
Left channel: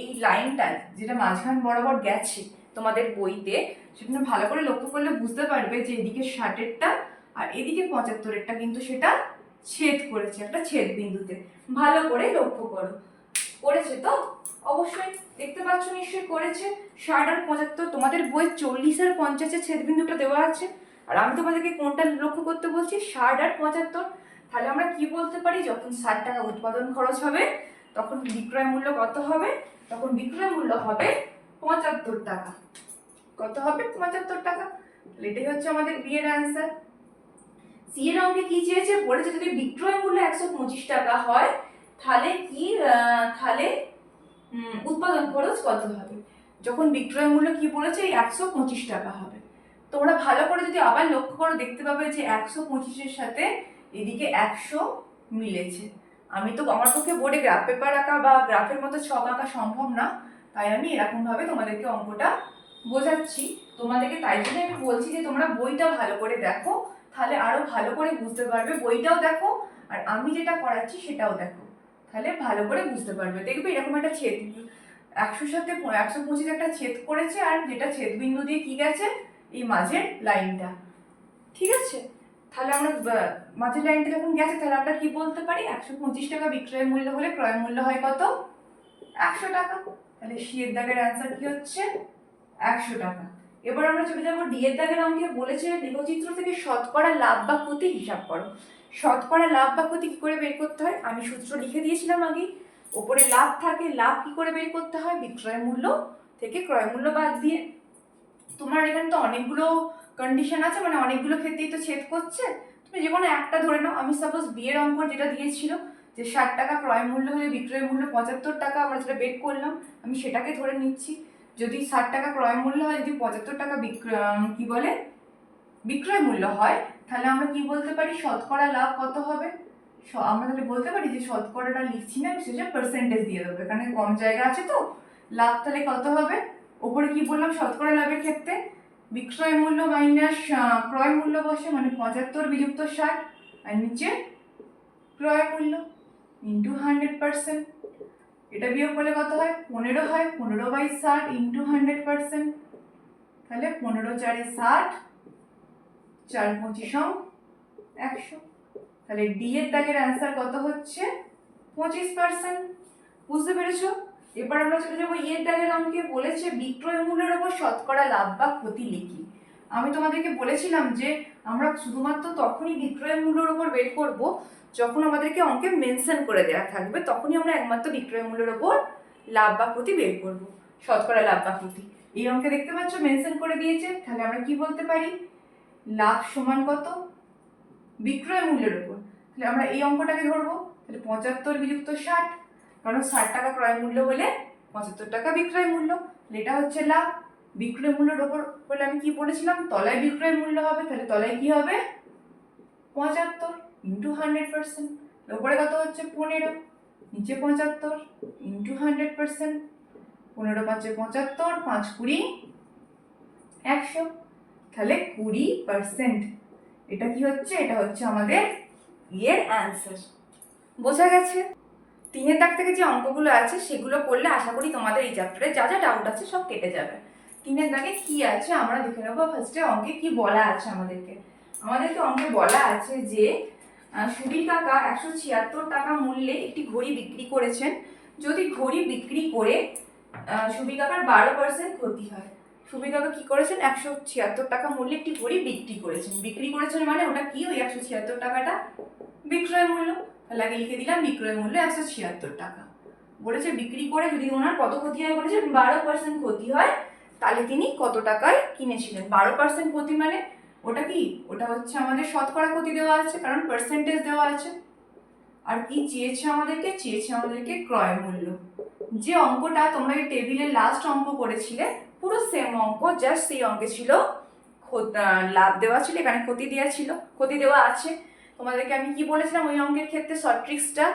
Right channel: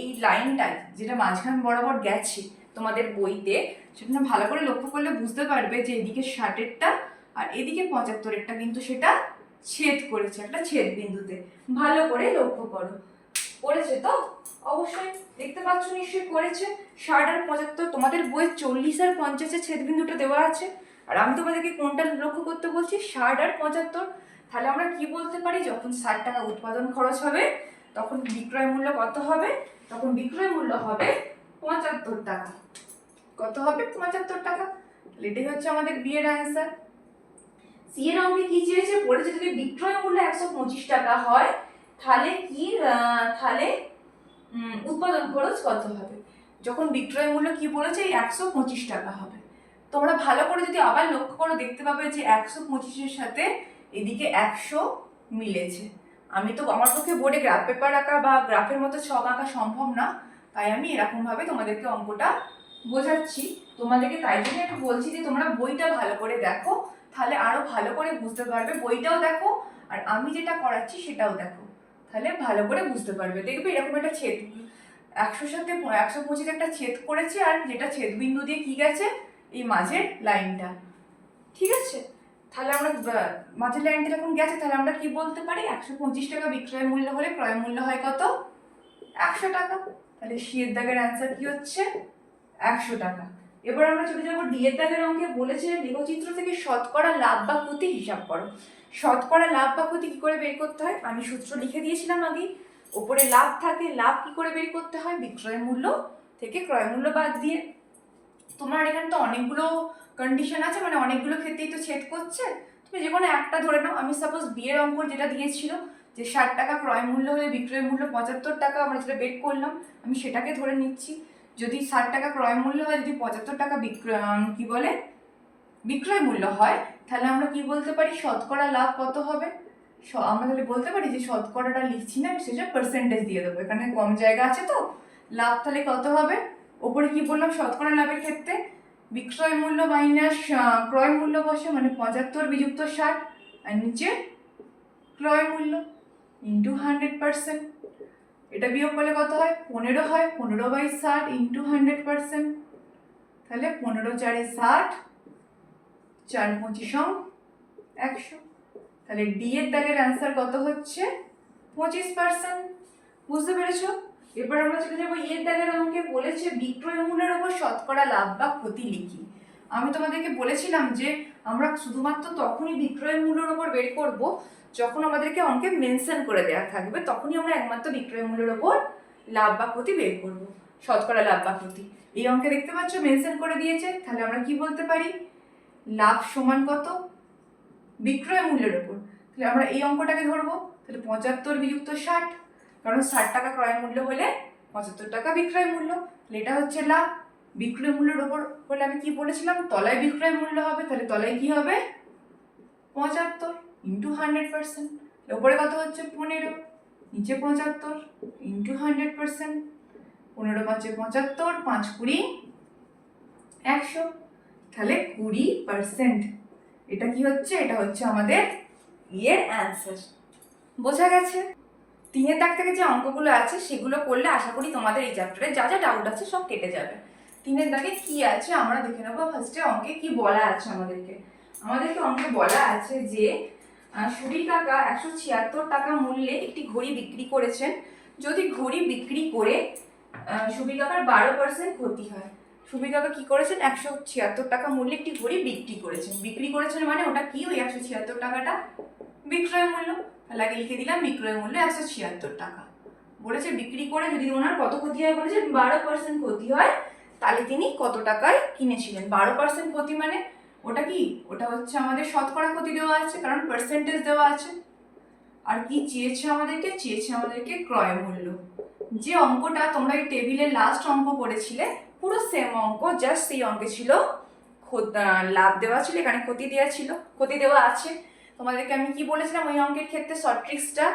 এই লাইনটা যেটা মাঝখান বরাবর গেছে তোমাদের বইতে, সেখানে ভালো করে লক্ষ্য করলে বুঝতে পারবে যে এদিকে 60-এরটা আর এদিকে 75-এরটা কিন্তু সেটা ছেদ করেছে একটা ছেদ বিন্দুতে। ভালো করে লক্ষ্য করো। করেছে তো? অবশ্যই দেখতে পাচ্ছ, নিশ্চয়ই করেছে। 60 আর 75 তোমাদের বই 40 আর 50-এর ছেদ বিন্দুটা দেওয়া আছে, আর আমি তোমাদেরকে কোনটা লক্ষ্য করতে বলছি? 60 আর 75। তাহলে আমরা কি বলতে পারি? যখন 60 টাকা উৎপাদন খরচ হবে তখন বিক্রয় মূল্য কত হবে? তখন বিক্রয় মূল্য হবে 75 টাকা। কত হবে? 75 টাকা। এটাই হচ্ছে আমাদের বি এর অ্যান্সার। সি এর অঙ্কে কি চেয়েছে? বলেছে যদি বিক্রয় মূল্য 125 টাকা হয় তাহলে উৎপাদন খরচ কত হবে? যখন বিক্রয় মূল্য কি বলেছে? 125 টাকা হবে। তোমরা ভালো করে যদি আবার লক্ষ্য করো দেখতে পাবে যে 125-এর সাথে এদিকে 100 মিলেছে। আমি তো আমার পক্ষে বোর্ডে গ্রাফ পেপার আঁকা বা গ্রাফের মতো ছক আঁকা সম্ভব না, তাই আমি এরকমভাবে তোমাদেরকে অঙ্কটা বোঝাচ্ছি। তোমাদেরকে তাই জন্য আমি বলছি যে তোমরা বইটা ভালো করে দেখো, তাহলে আরো ভালো করে বুঝতে পারবে। বইটাও দেখো আর আমি যেটা করাচ্ছি সেটাও দেখো, তাহলে ভালো করে বুঝতে পারবে। দেখবে এরকম একটা ছেদ 100 সাথে 125 একটা ছেদ করেছে, আর যেটা ছেদ বিন্দু দিয়ে কি গেছে, এই মাঝের লাইনটা। ঠিক আছে, তাহলে আমরা মাঝের লাইনটা যখন গেছে তাহলে আমরা কি বলতে পারি, 125 টাকা বিক্রয় মূল্য হলে ক্রয় মূল্য হয় কত, 100 টাকা। তাহলে সি এর দাগের অ্যান্সার কি হচ্ছে, 100 টাকা। এবার আমরা চলে যাবো ডি এর দাগের অঙ্কে। বলেছে লেখচিত্র থেকে শতকরা লাভ বা ক্ষতি হিসাব করো। শতকরা লাভ বা ক্ষতি কি করে বের করতে হয়, আমি সূত্র লিখে দিয়েছিলাম আগেই। ওপরে লাভ থাকে, লাভ কি করে বের করতে হয়, বিক্রয় মূল্য থেকে ক্রয় মূল্য বাদ দিয়ে। তোমার এখানে তো অনেকগুলো কন্ডিশন আছে, মানে অনেকগুলো ক্ষেত্রেই তো ছেদ করছে, তুমি যে কোনো একটা ধরে নাও। আমি সাপোজ বিয়ের অঙ্ক যেটা দিয়েছিল যে 60 টাকা ক্রয় মূল্য হলে বিক্রয় মূল্য 75 টাকা, আমরা যেটা বের করলাম আমি সেটাকে ধরে নিচ্ছি। যদি 60 টাকা ক্রয় মূল্য হয়, যদি 75 টাকা কি বলে বিক্রয় মূল্য হয়, তাহলে আমরা কি বলতে পারি, শতকরা লাভ কত হবে। আমরা তাহলে বলতে পারি যে শতকরাটা লিখছি না, সেটা পার্সেন্টেজ দিয়ে দেবো, এখানে কম জায়গা আছে তো। লাভ তাহলে কত হবে, ওপরে কি বললাম শতকরা লাভের ক্ষেত্রে বিক্রয় মূল্য মাইনাস ক্রয় মূল্য বসে, মানে 75 বিযুক্ত 60, আর নিচে ক্রয় মূল্য ইন্টু 100%। এটা বিয়োগ করলে কত হয়, 15 হয়, 15/60 ইন্টু 100%। তাহলে 15 4 60, 4 25 100। তাহলে ডি এর দাগের অ্যান্সার কত হচ্ছে, 25%। বুঝতে পেরেছো? এবার আমরা চলে যাবো ই এর দাগের অঙ্কে। বলেছে বিক্রয় মূল্যের উপর শতকরা লাভ বা ক্ষতি লিখি। আমি তোমাদেরকে বলেছিলাম যে আমরা শুধুমাত্র তখনই বিক্রয় মূল্যের উপর বের করব যখন আমাদেরকে অঙ্কে মেনশন করে দেওয়া থাকবে, তখনই আমরা একমাত্র বিক্রয় মূল্যের উপর লাভ বা ক্ষতি বের করব, শতকরা লাভ বা ক্ষতি। এই অঙ্কে দেখতে পাচ্ছ মেনশন করে দিয়েছে, তাহলে আমরা কি বলতে পারি, লাভ সমান কত, বিক্রয় মূল্যের উপর। তাহলে আমরা এই অঙ্কটাকে ধরবো, তাহলে 75 বিযুক্ত 60, কারণ 60 টাকা ক্রয় মূল্য হলে 75 টাকা বিক্রয় মূল্য, তাহলে এটা হচ্ছে লাভ। বিক্রয় মূল্যের উপর বলে আমি কি বলেছিলাম, তলায় বিক্রয় মূল্য হবে, তাহলে তলায় কি হবে 75 ইন্টু 100%। উপরে কত হচ্ছে 15, নিচে 75 ইন্টু 100%। 15 5 75, 5 20 100, তাহলে 20%। এটা কি হচ্ছে, এটা হচ্ছে আমাদের এর অ্যান্সার। বোঝা গেছে? 3 দাগ থেকে যে অঙ্কগুলো আছে সেগুলো করলে আশা করি তোমাদের এই চ্যাপ্টারে যা যা ডাউট আছে সব কেটে যাবে। 3 দাগে কি আছে আমরা দেখে নেবো। ফার্স্টে অঙ্কে কি বলা আছে, আমাদেরকে অঙ্কে বলা আছে যে সুবীর কাকা 176 টাকা মূল্যে একটি ঘড়ি বিক্রি করেছেন। যদি ঘড়ি বিক্রি করে সুবীর কাকার 12% ক্ষতি হয়। সুবীর কাকা কি করেছেন, 176 টাকা মূল্যে একটি ঘড়ি বিক্রি করেছেন মানে ওটা কি, ওই 176 টাকাটা বিক্রয় মূল্য। তাহলে আগে লিখে দিলাম বিক্রয় মূল্য 176 টাকা। বলেছে বিক্রি করে যদি ওনার কত ক্ষতি হয়, বলেছে 12% ক্ষতি হয়, তাহলে তিনি কত টাকায় কিনেছিলেন। 12% ক্ষতি মানে ওটা কি, ওটা হচ্ছে আমাদের শতকরা ক্ষতি দেওয়া আছে, কারণ পার্সেন্টেজ দেওয়া আছে। আর কি চেয়েছে আমাদেরকে ক্রয় মূল্য। যে অঙ্কটা তোমরা এই টেবিলের লাস্ট অঙ্ক করেছিলে পুরো সেম অঙ্ক, জাস্ট সেই অঙ্কে ছিল লাভ দেওয়া ছিল, এখানে ক্ষতি দেওয়া আছে। তোমাদেরকে আমি কি বলেছিলাম ওই অঙ্কের ক্ষেত্রে শর্ট ট্রিক্সটা,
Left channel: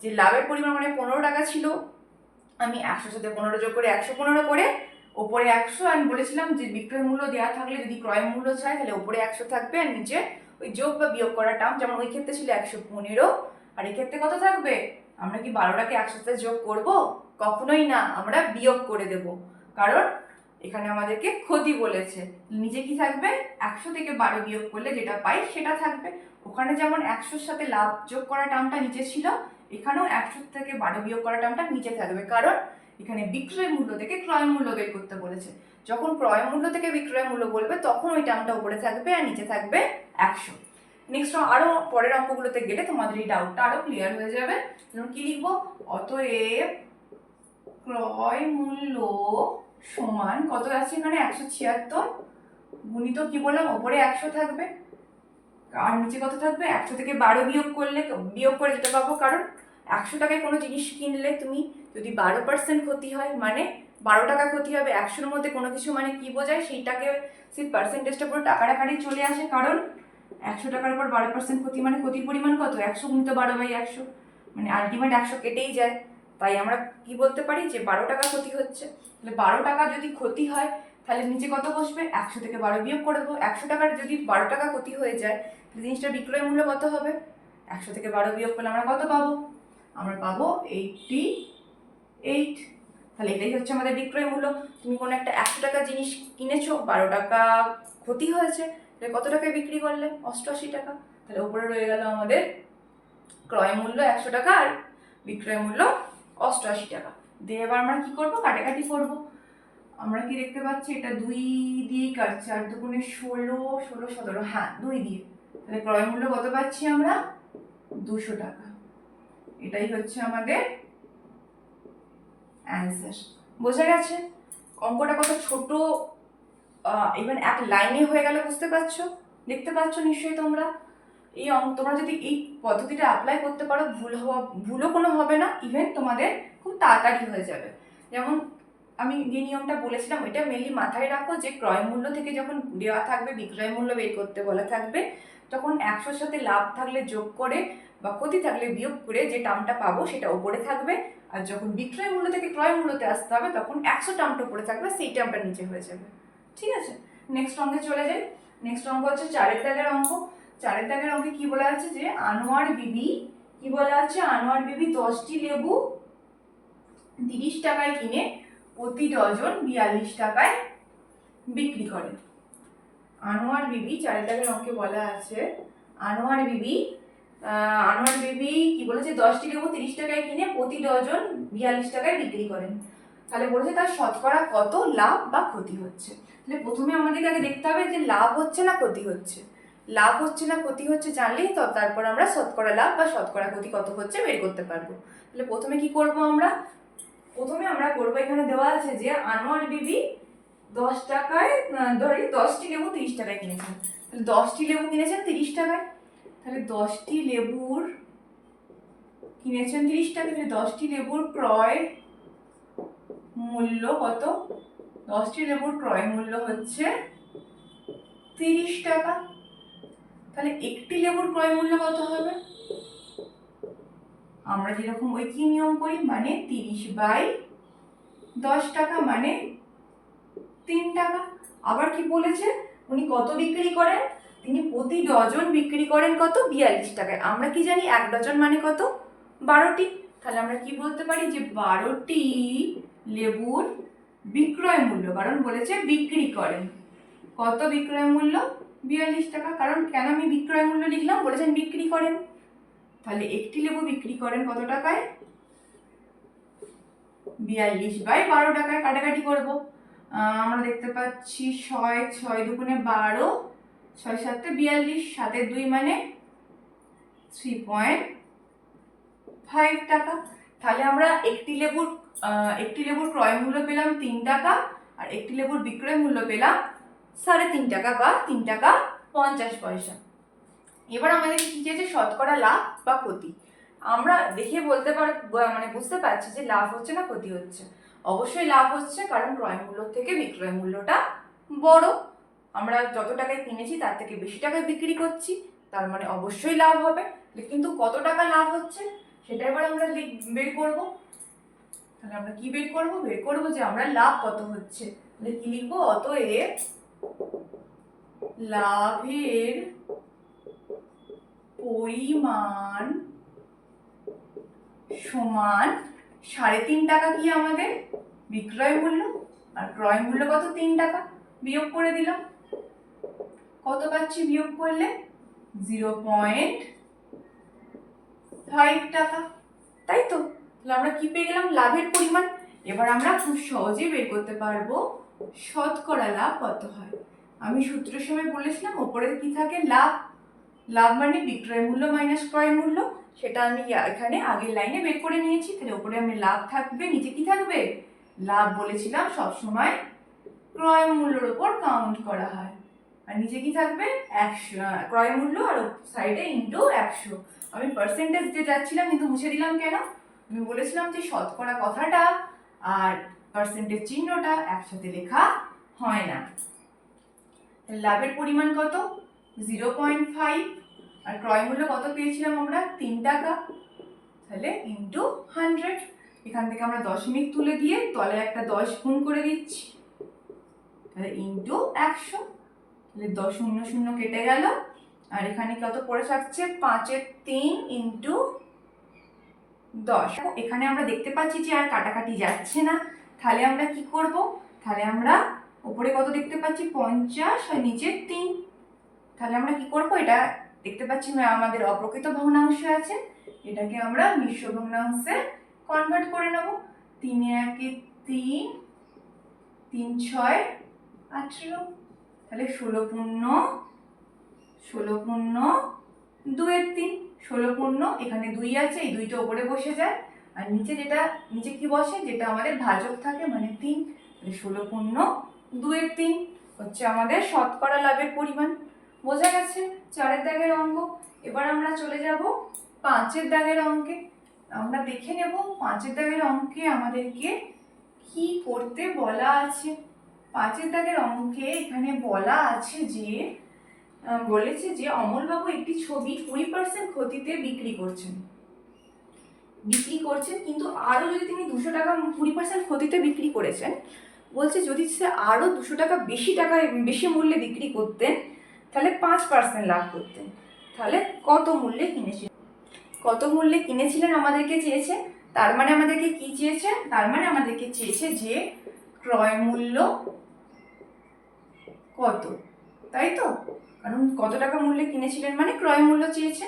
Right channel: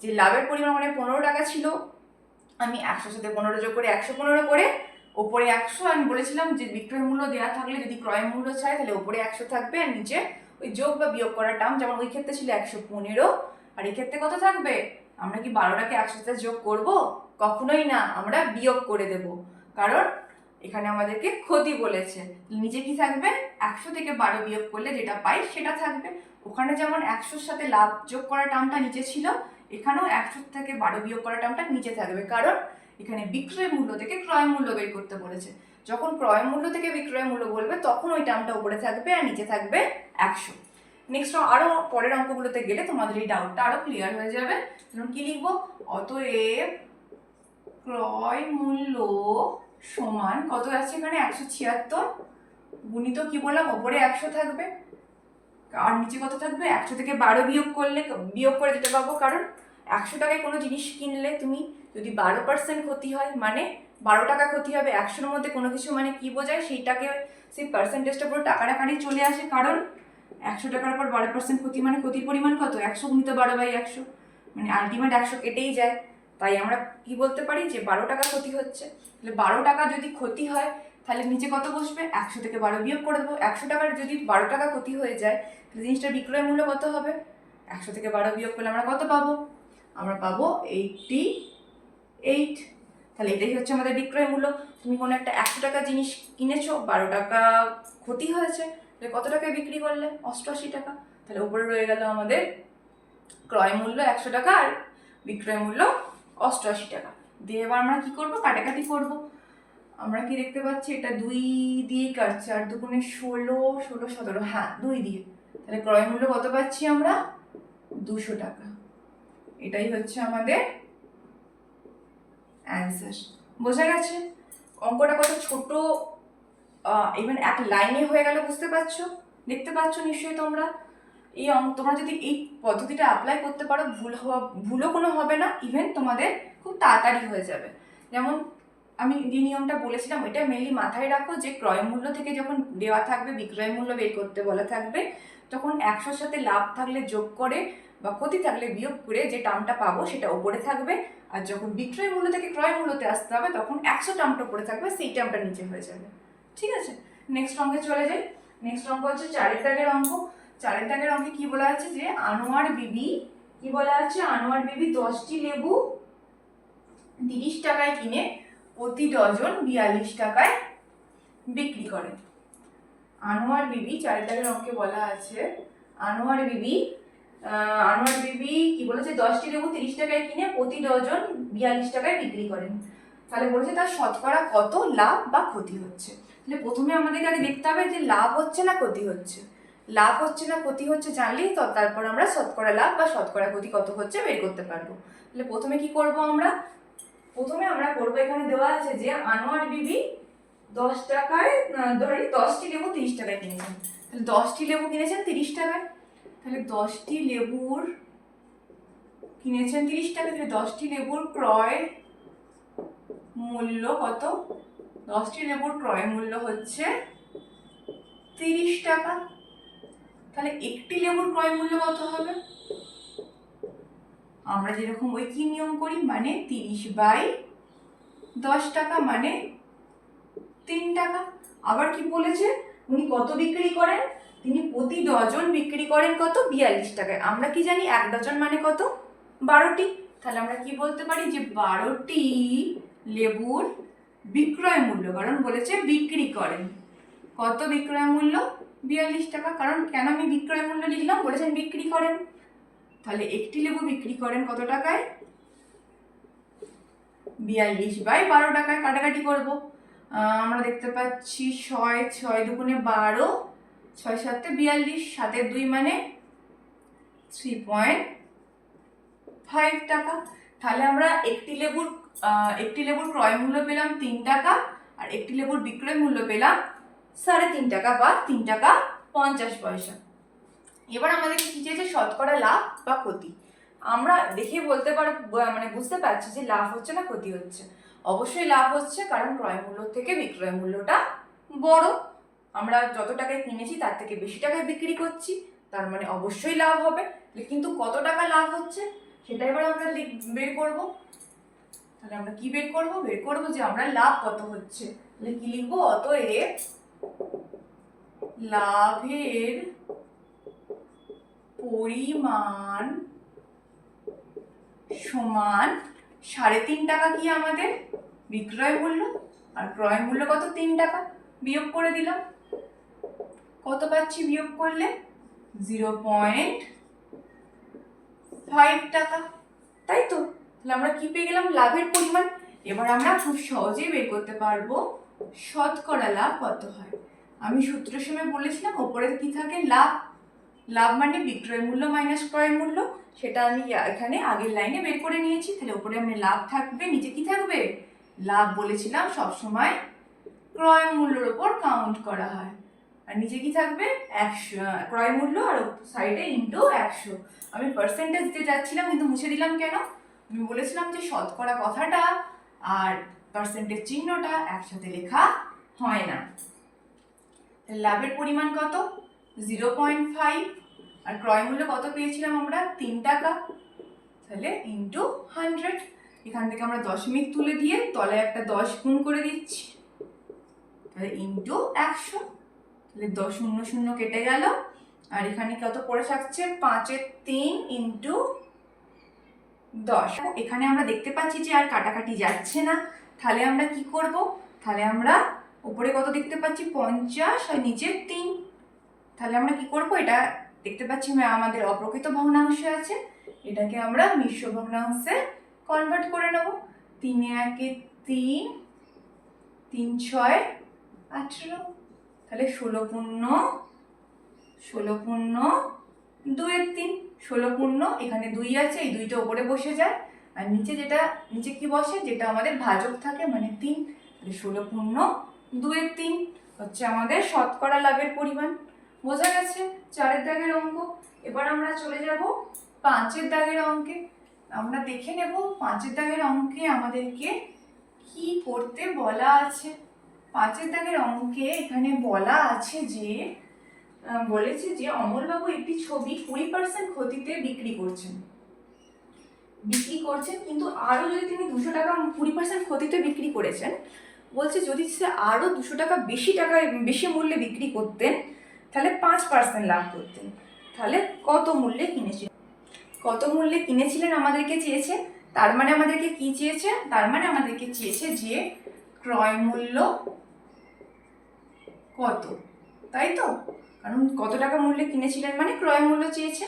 যে লাভের পরিমাণ মানে 15 টাকা ছিল, আমি 100 সাথে 15 যোগ করে 115 করে ওপরে 100, আমি বলেছিলাম যে বিক্রয় মূল্য দেওয়া থাকলে যদি ক্রয় মূল্য চাই তাহলে ওপরে 100 থাকবে আর নিচে ওই যোগ বা বিয়োগ করার টার্ম, যেমন ওই ক্ষেত্রে ছিল 115 আর এই ক্ষেত্রে কত থাকবে, আমরা কি 12টাকে 100 সাথে যোগ করব, কখনোই না, আমরা বিয়োগ করে দেব, কারণ এখানে আমাদেরকে ক্ষতি বলেছে। নিচে কি থাকবে, 100 থেকে 12 বিয়োগ করলে যেটা পাই সেটা থাকবে। ওখানে যেমন 100-র সাথে লাভ যোগ করা টার্মটা নিচে ছিল, এখানেও 100 থেকে 12 বিয়োগ করা টার্মটা নিচে থাকবে, কারণ এখানে বিক্রয় মূল্য থেকে ক্রয় মূল্য বের করতে বলেছে। যখন ক্রয় মূল্য থেকে বিক্রয় মূল্য বলবে তখন ওই টার্মটা উপরে থাকবে আর নিচে থাকবে 100। নেক্সট আরো পরের অঙ্কগুলোতে গেলে তোমাদের এই ডাউটটা আরো ক্লিয়ার হয়ে যাবে। যেমন কি লিখবো, অতএব ক্রয় মূল্য সমান কত আছে, এখানে 176 গুণিত কি বললাম, ওপরে 100 থাকবে আর নিচে কত থাকবে, 100 থেকে 12 বিয়োগ করে যেতে পারবো, কারণ 100 টাকায় কোনো জিনিস কিনলে তুমি যদি 12% ক্ষতি হয় মানে 12 টাকা ক্ষতি হবে, 100-র মধ্যে কোনো কিছু মানে কি বোঝায়, সেইটাকে সেই পার্সেন্টেজটা পুরো টাকার আকারেই চলে আসে, কারণ 100 টাকার উপর 12% ক্ষতি মানে ক্ষতির পরিমাণ কত, 100 গুণিত 12/100, মানে আলটিমেট 100 কেটেই যায়। তাই আমরা কি বলতে পারি যে 12 টাকা ক্ষতি হচ্ছে। তাহলে 12 টাকা যদি ক্ষতি হয় তাহলে নিচে কত বসবে, 100 থেকে 12 বিয়োগ করে দেবো। 100 টাকার যদি 12 টাকা ক্ষতি হয়ে যায় তাহলে জিনিসটার বিক্রয় মূল্য কত হবে, 100 থেকে 12 বিয়োগ করলে আমরা কত পাবো, আমরা পাবো 88। তাহলে এটাই হচ্ছে আমাদের বিক্রয় মূল্য। তুমি কোনো একটা 100 টাকা জিনিস কিনেছো, 12 টাকা ক্ষতি হয়েছে, তাহলে কত টাকায় বিক্রি করলে, 88 টাকা। তাহলে উপরে রয়ে গেল আমাদের ক্রয় মূল্য 100 টাকা আর বিক্রয় মূল্য 88 টাকা। দিয়ে এবার আমরা কি করবো, কাটাকাটি করব। আমরা কি দেখতে পাচ্ছি, এটা 2 দিয়ে কাটছে, আর দুগুণে 16, 16, 17, হ্যাঁ 2 দিয়ে। তাহলে ক্রয় মূল্য কত পাচ্ছি আমরা, 200 টাকা। এটাই হচ্ছে আমাদের অ্যান্সার। বোঝা গেছে অঙ্কটা কত ছোট, ইভেন এক লাইনে হয়ে গেল, বুঝতে পারছো, দেখতে পাচ্ছ নিশ্চয়ই তোমরা। এই তোমরা যদি এই পদ্ধতিটা অ্যাপ্লাই করতে পারো, ভুলও কোনো হবে না, ইভেন তোমাদের খুব তাড়াতাড়ি হয়ে যাবে। যেমন আমি যে নিয়মটা বলেছিলাম এটা মেনলি মাথায় রাখো, যে ক্রয় মূল্য থেকে যখন দেওয়া থাকবে বিক্রয় মূল্য বের করতে বলা থাকবে, তখন 100-র সাথে লাভ থাকলে যোগ করে বা ক্ষতি থাকলে বিয়োগ করে যে টার্মটা পাবো সেটা ওপরে থাকবে, আর যখন বিক্রয় মূল্য থেকে ক্রয় মূল্যতে আসতে হবে তখন 100 টার্মটা ওপরে থাকবে, সেই টার্মটা নিচে হয়ে যাবে। ঠিক আছে, নেক্সট অঙ্কে চলে যাই। নেক্সট অঙ্ক হচ্ছে 4 দাগের অঙ্ক। 4 দাগের অঙ্কে কি বলা আছে, যে আনোয়ার বিবি, কি বলা আছে, আনোয়ার বিবি 10টি লেবু 30 টাকায় কিনে প্রতি ডজন 42 টাকায় বিক্রি করেন। আনোয়ার বিবি 4 দাগের অঙ্কে বলা আছে, আনোয়ার বিবি কি বলেছে, 10টি লেবু 30 টাকায় কিনে প্রতি ডজন 42 টাকায় বিক্রি করেন। তাহলে বলেছে তার শতকরা কত লাভ বা ক্ষতি হচ্ছে। তাহলে প্রথমে আমাদের আগে দেখতে হবে যে লাভ হচ্ছে না ক্ষতি হচ্ছে। লাভ হচ্ছে না ক্ষতি হচ্ছে জানলেই তো তারপর আমরা শতকরা লাভ বা শতকরা ক্ষতি কত হচ্ছে বের করতে পারবো। তাহলে প্রথমে কি করব আমরা, প্রথমে আমরা করবো, এখানে দেওয়া আছে যে আনোয়ার বিবি 10 টাকায়, ধরি 10টি লেবু 30 টাকায় কিনেছেন। তাহলে 10টি লেবু কিনেছেন 30 টাকায়, তাহলে 10টি লেবুর কিনেছেন 30 টাকা, তাহলে 10টি লেবুর ক্রয় মূল্য কত, 10টি লেবুর ক্রয় মূল্য হচ্ছে 30 টাকা। তাহলে একটি লেবুর ক্রয় মূল্য কত হবে, আমরা যেরকম ওই কি নিয়ম করি, মানে 30/10 টাকা মানে 3 টাকা। আবার কি বলেছে, উনি কত বিক্রি করেন, তিনি প্রতি ডজন বিক্রি করেন কত, 42 টাকায়। আমরা কি জানি 1 ডজন মানে কত, 12টি। তাহলে আমরা কি বলতে পারি, যে 12টি লেবুর বিক্রয় মূল্য, কারণ বলেছে বিক্রি করেন, কত বিক্রয় মূল্য, 42 টাকা। কারণ কেন আমি বিক্রয় মূল্য লিখলাম, বলেছেন বিক্রি করেন। তাহলে একটি লেবু বিক্রি করেন কত টাকায়, 42/12 টাকায়। কাটাকাটি করব, আমরা দেখতে পাচ্ছি 6 দুগুণে 12, 6 7 42, 7 2 মানে 3.5 টাকা। তাহলে আমরা একটি লেবুর ক্রয় মূল্য পেলাম 3 টাকা, আর একটি লেবুর বিক্রয় মূল্য পেলাম 3.5 টাকা বা 3 টাকা 50 পয়সা। এবার আমাদের কি চেয়েছে, শতকরা লাভ বা ক্ষতি। আমরা দেখে বলতে মানে বুঝতে পারছি যে লাভ হচ্ছে না ক্ষতি হচ্ছে। অবশ্যই লাভ হচ্ছে, কারণ ক্রয় মূল্য থেকে বিক্রয় মূল্যটা বড়। আমরা যত টাকায় কিনেছি তার থেকে বেশি টাকায় বিক্রি করছি, তার মানে অবশ্যই লাভ হবে। কিন্তু কত টাকা লাভ হচ্ছে সেটা এবার আমরা বের করব। তাহলে আমরা কি বের করব, যে আমরা লাভ কত হচ্ছে। তাহলে কি লিখবো, অতএব লাভের পরিমাণ সমান 3.5 টাকা কি আমাদের বিক্রয় মূল্য, আর ক্রয় মূল্য কত, 3 টাকা। বিয়োগ করে দিলাম, কত পাচ্ছি বিয়োগ করলে, 0.5 টাকা, তাই তো। তাহলে আমরা কি পেয়ে গেলাম, লাভের পরিমাণ। এবার আমরা খুব সহজেই বের করতে পারবো শতকরা লাভ কত হয়। আমি সূত্রের সময় বলেছিলাম ওপরে কি থাকে, লাভ মানে বিক্রয় মূল্য মাইনাস ক্রয় মূল্য, সেটা আমি এখানে আগের লাইনে বের করে নিয়েছি। তাহলে উপরে আমি লাভ থাকবে, নিচে কি থাকবে, লাভ বলেছিলাম সবসময় ক্রয় মূল্যের উপর কাউন্ট করা হয়, আর নিচে কি থাকবে, 100 ক্রয় মূল্য, আর সাইডে ইন্টু 100। আমি পার্সেন্টেজ দিতে যাচ্ছিলাম কিন্তু মুছে দিলাম কেন, আমি বলেছিলাম যে শতকরা কথাটা আর পার্সেন্টেজ চিহ্নটা একসাথে লেখা হয় না। লাভের পরিমাণ কত, 0.5, আর ক্রয় মূল্য কত পেয়েছিলাম আমরা, 3 টাকা। তাহলে ইন্টু 100, এখান থেকে আমরা দশমিক তুলে দিয়ে তলায় একটা 10 গুণ করে দিচ্ছি। তাহলে ইন্টু 100, তাহলে 10 শূন্য শূন্য কেটে গেল, আর এখানে কত পড়ে থাকছে 5-এর 3 ইন্টু 10। এখানে আমরা দেখতে পাচ্ছি যে আর কাটাকাটি যাচ্ছে না, তাহলে আমরা কি করব, তাহলে আমরা উপরে কত দেখতে পাচ্ছি 50 আর নিচে 3, তাহলে আমরা কি করব, এটা দেখতে পাচ্ছি আমাদের অপ্রকৃত ভগ্নাংশ আছে, এটাকে আমরা মিশ্র ভগ্নাংশে কনভার্ট করে নেব। 3-এ 3, 3-6 18, তাহলে 16 পূর্ণ 2-এর 3, 16 পূর্ণ এখানে 2 আছে, এই 2টা উপরে বসে যায়, আর নিচে কি বসে, যেটা আমাদের ভাজক থাকে মানে 3, তাহলে 16 পূর্ণ 2-এর 3 হচ্ছে আমাদের শতকরা লাভের পরিমাণ। বোঝা গেছে 4-এর দাগের অঙ্ক। এবার আমরা চলে যাব 5-এর দাগের অঙ্কে। আমরা দেখে নেব 5-এর দাগের অঙ্কে আমাদেরকে কি করতে বলা আছে। 5-এর দাগের অঙ্কে এখানে বলা আছে যে বলেছে যে অমলবাবু একটি ছবি 20% ক্ষতিতে বিক্রি করছেন, কিন্তু আরো যদি তিনি 200 টাকা 20% ক্ষতিতে বিক্রি করেছেন, বলছে যদি সে আরো 200 টাকা বেশি মূল্যে বিক্রি করতেন তাহলে 5% লাভ করতেন। তাহলে কত মূল্যে কিনেছিলেন আমাদেরকে চেয়েছে, তার মানে আমাদেরকে কি চেয়েছে, তার মানে আমাদেরকে চেয়েছে যে ক্রয় মূল্য কত, তাই তো, কারণ কত টাকা মূল্যে কিনেছিলেন মানে ক্রয় মূল্য চেয়েছে।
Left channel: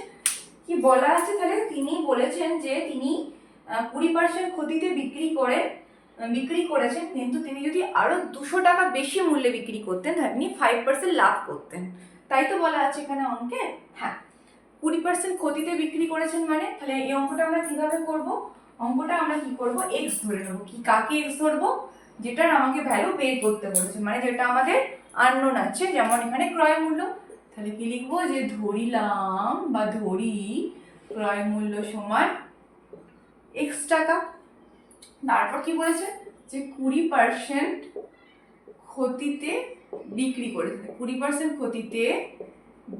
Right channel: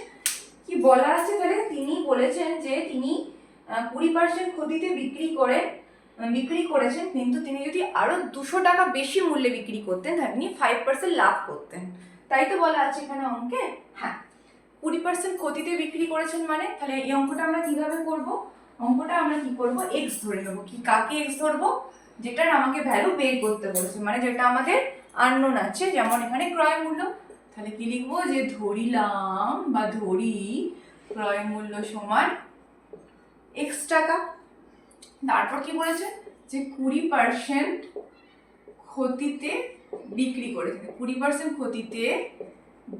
কি বলা আছে, তাহলে তিনি বলেছেন যে তিনি 20% ক্ষতিতে বিক্রি করেছেন, কিন্তু তিনি যদি আরো 200 টাকা বেশি মূল্যে বিক্রি করতেন তাহলে তিনি 5% লাভ করতেন, তাই তো বলা আছে এখানে অঙ্কে। হ্যাঁ, 20% ক্ষতিতে বিক্রি করেছেন মানে, তাহলে এই অঙ্কটা আমরা কিভাবে করব, অঙ্কটা আমরা কি করব, এক্স ধরে নেব। কি কাকে এক্স ধরবো, যেটার আমাকে ভ্যালু বের করতে বলেছে, মানে যেটা আমাদের আননোন আছে, যেমন এখানে ক্রয় মূল্য, তাহলে কি লিখবো, যে ধরিলাম বা ধরি ক্রয় মূল্য সমান এক্স টাকা। তারপর কি বলেছে, যে 20% ক্ষতিতে বিক্রি করেছে, 20% ক্ষতিতে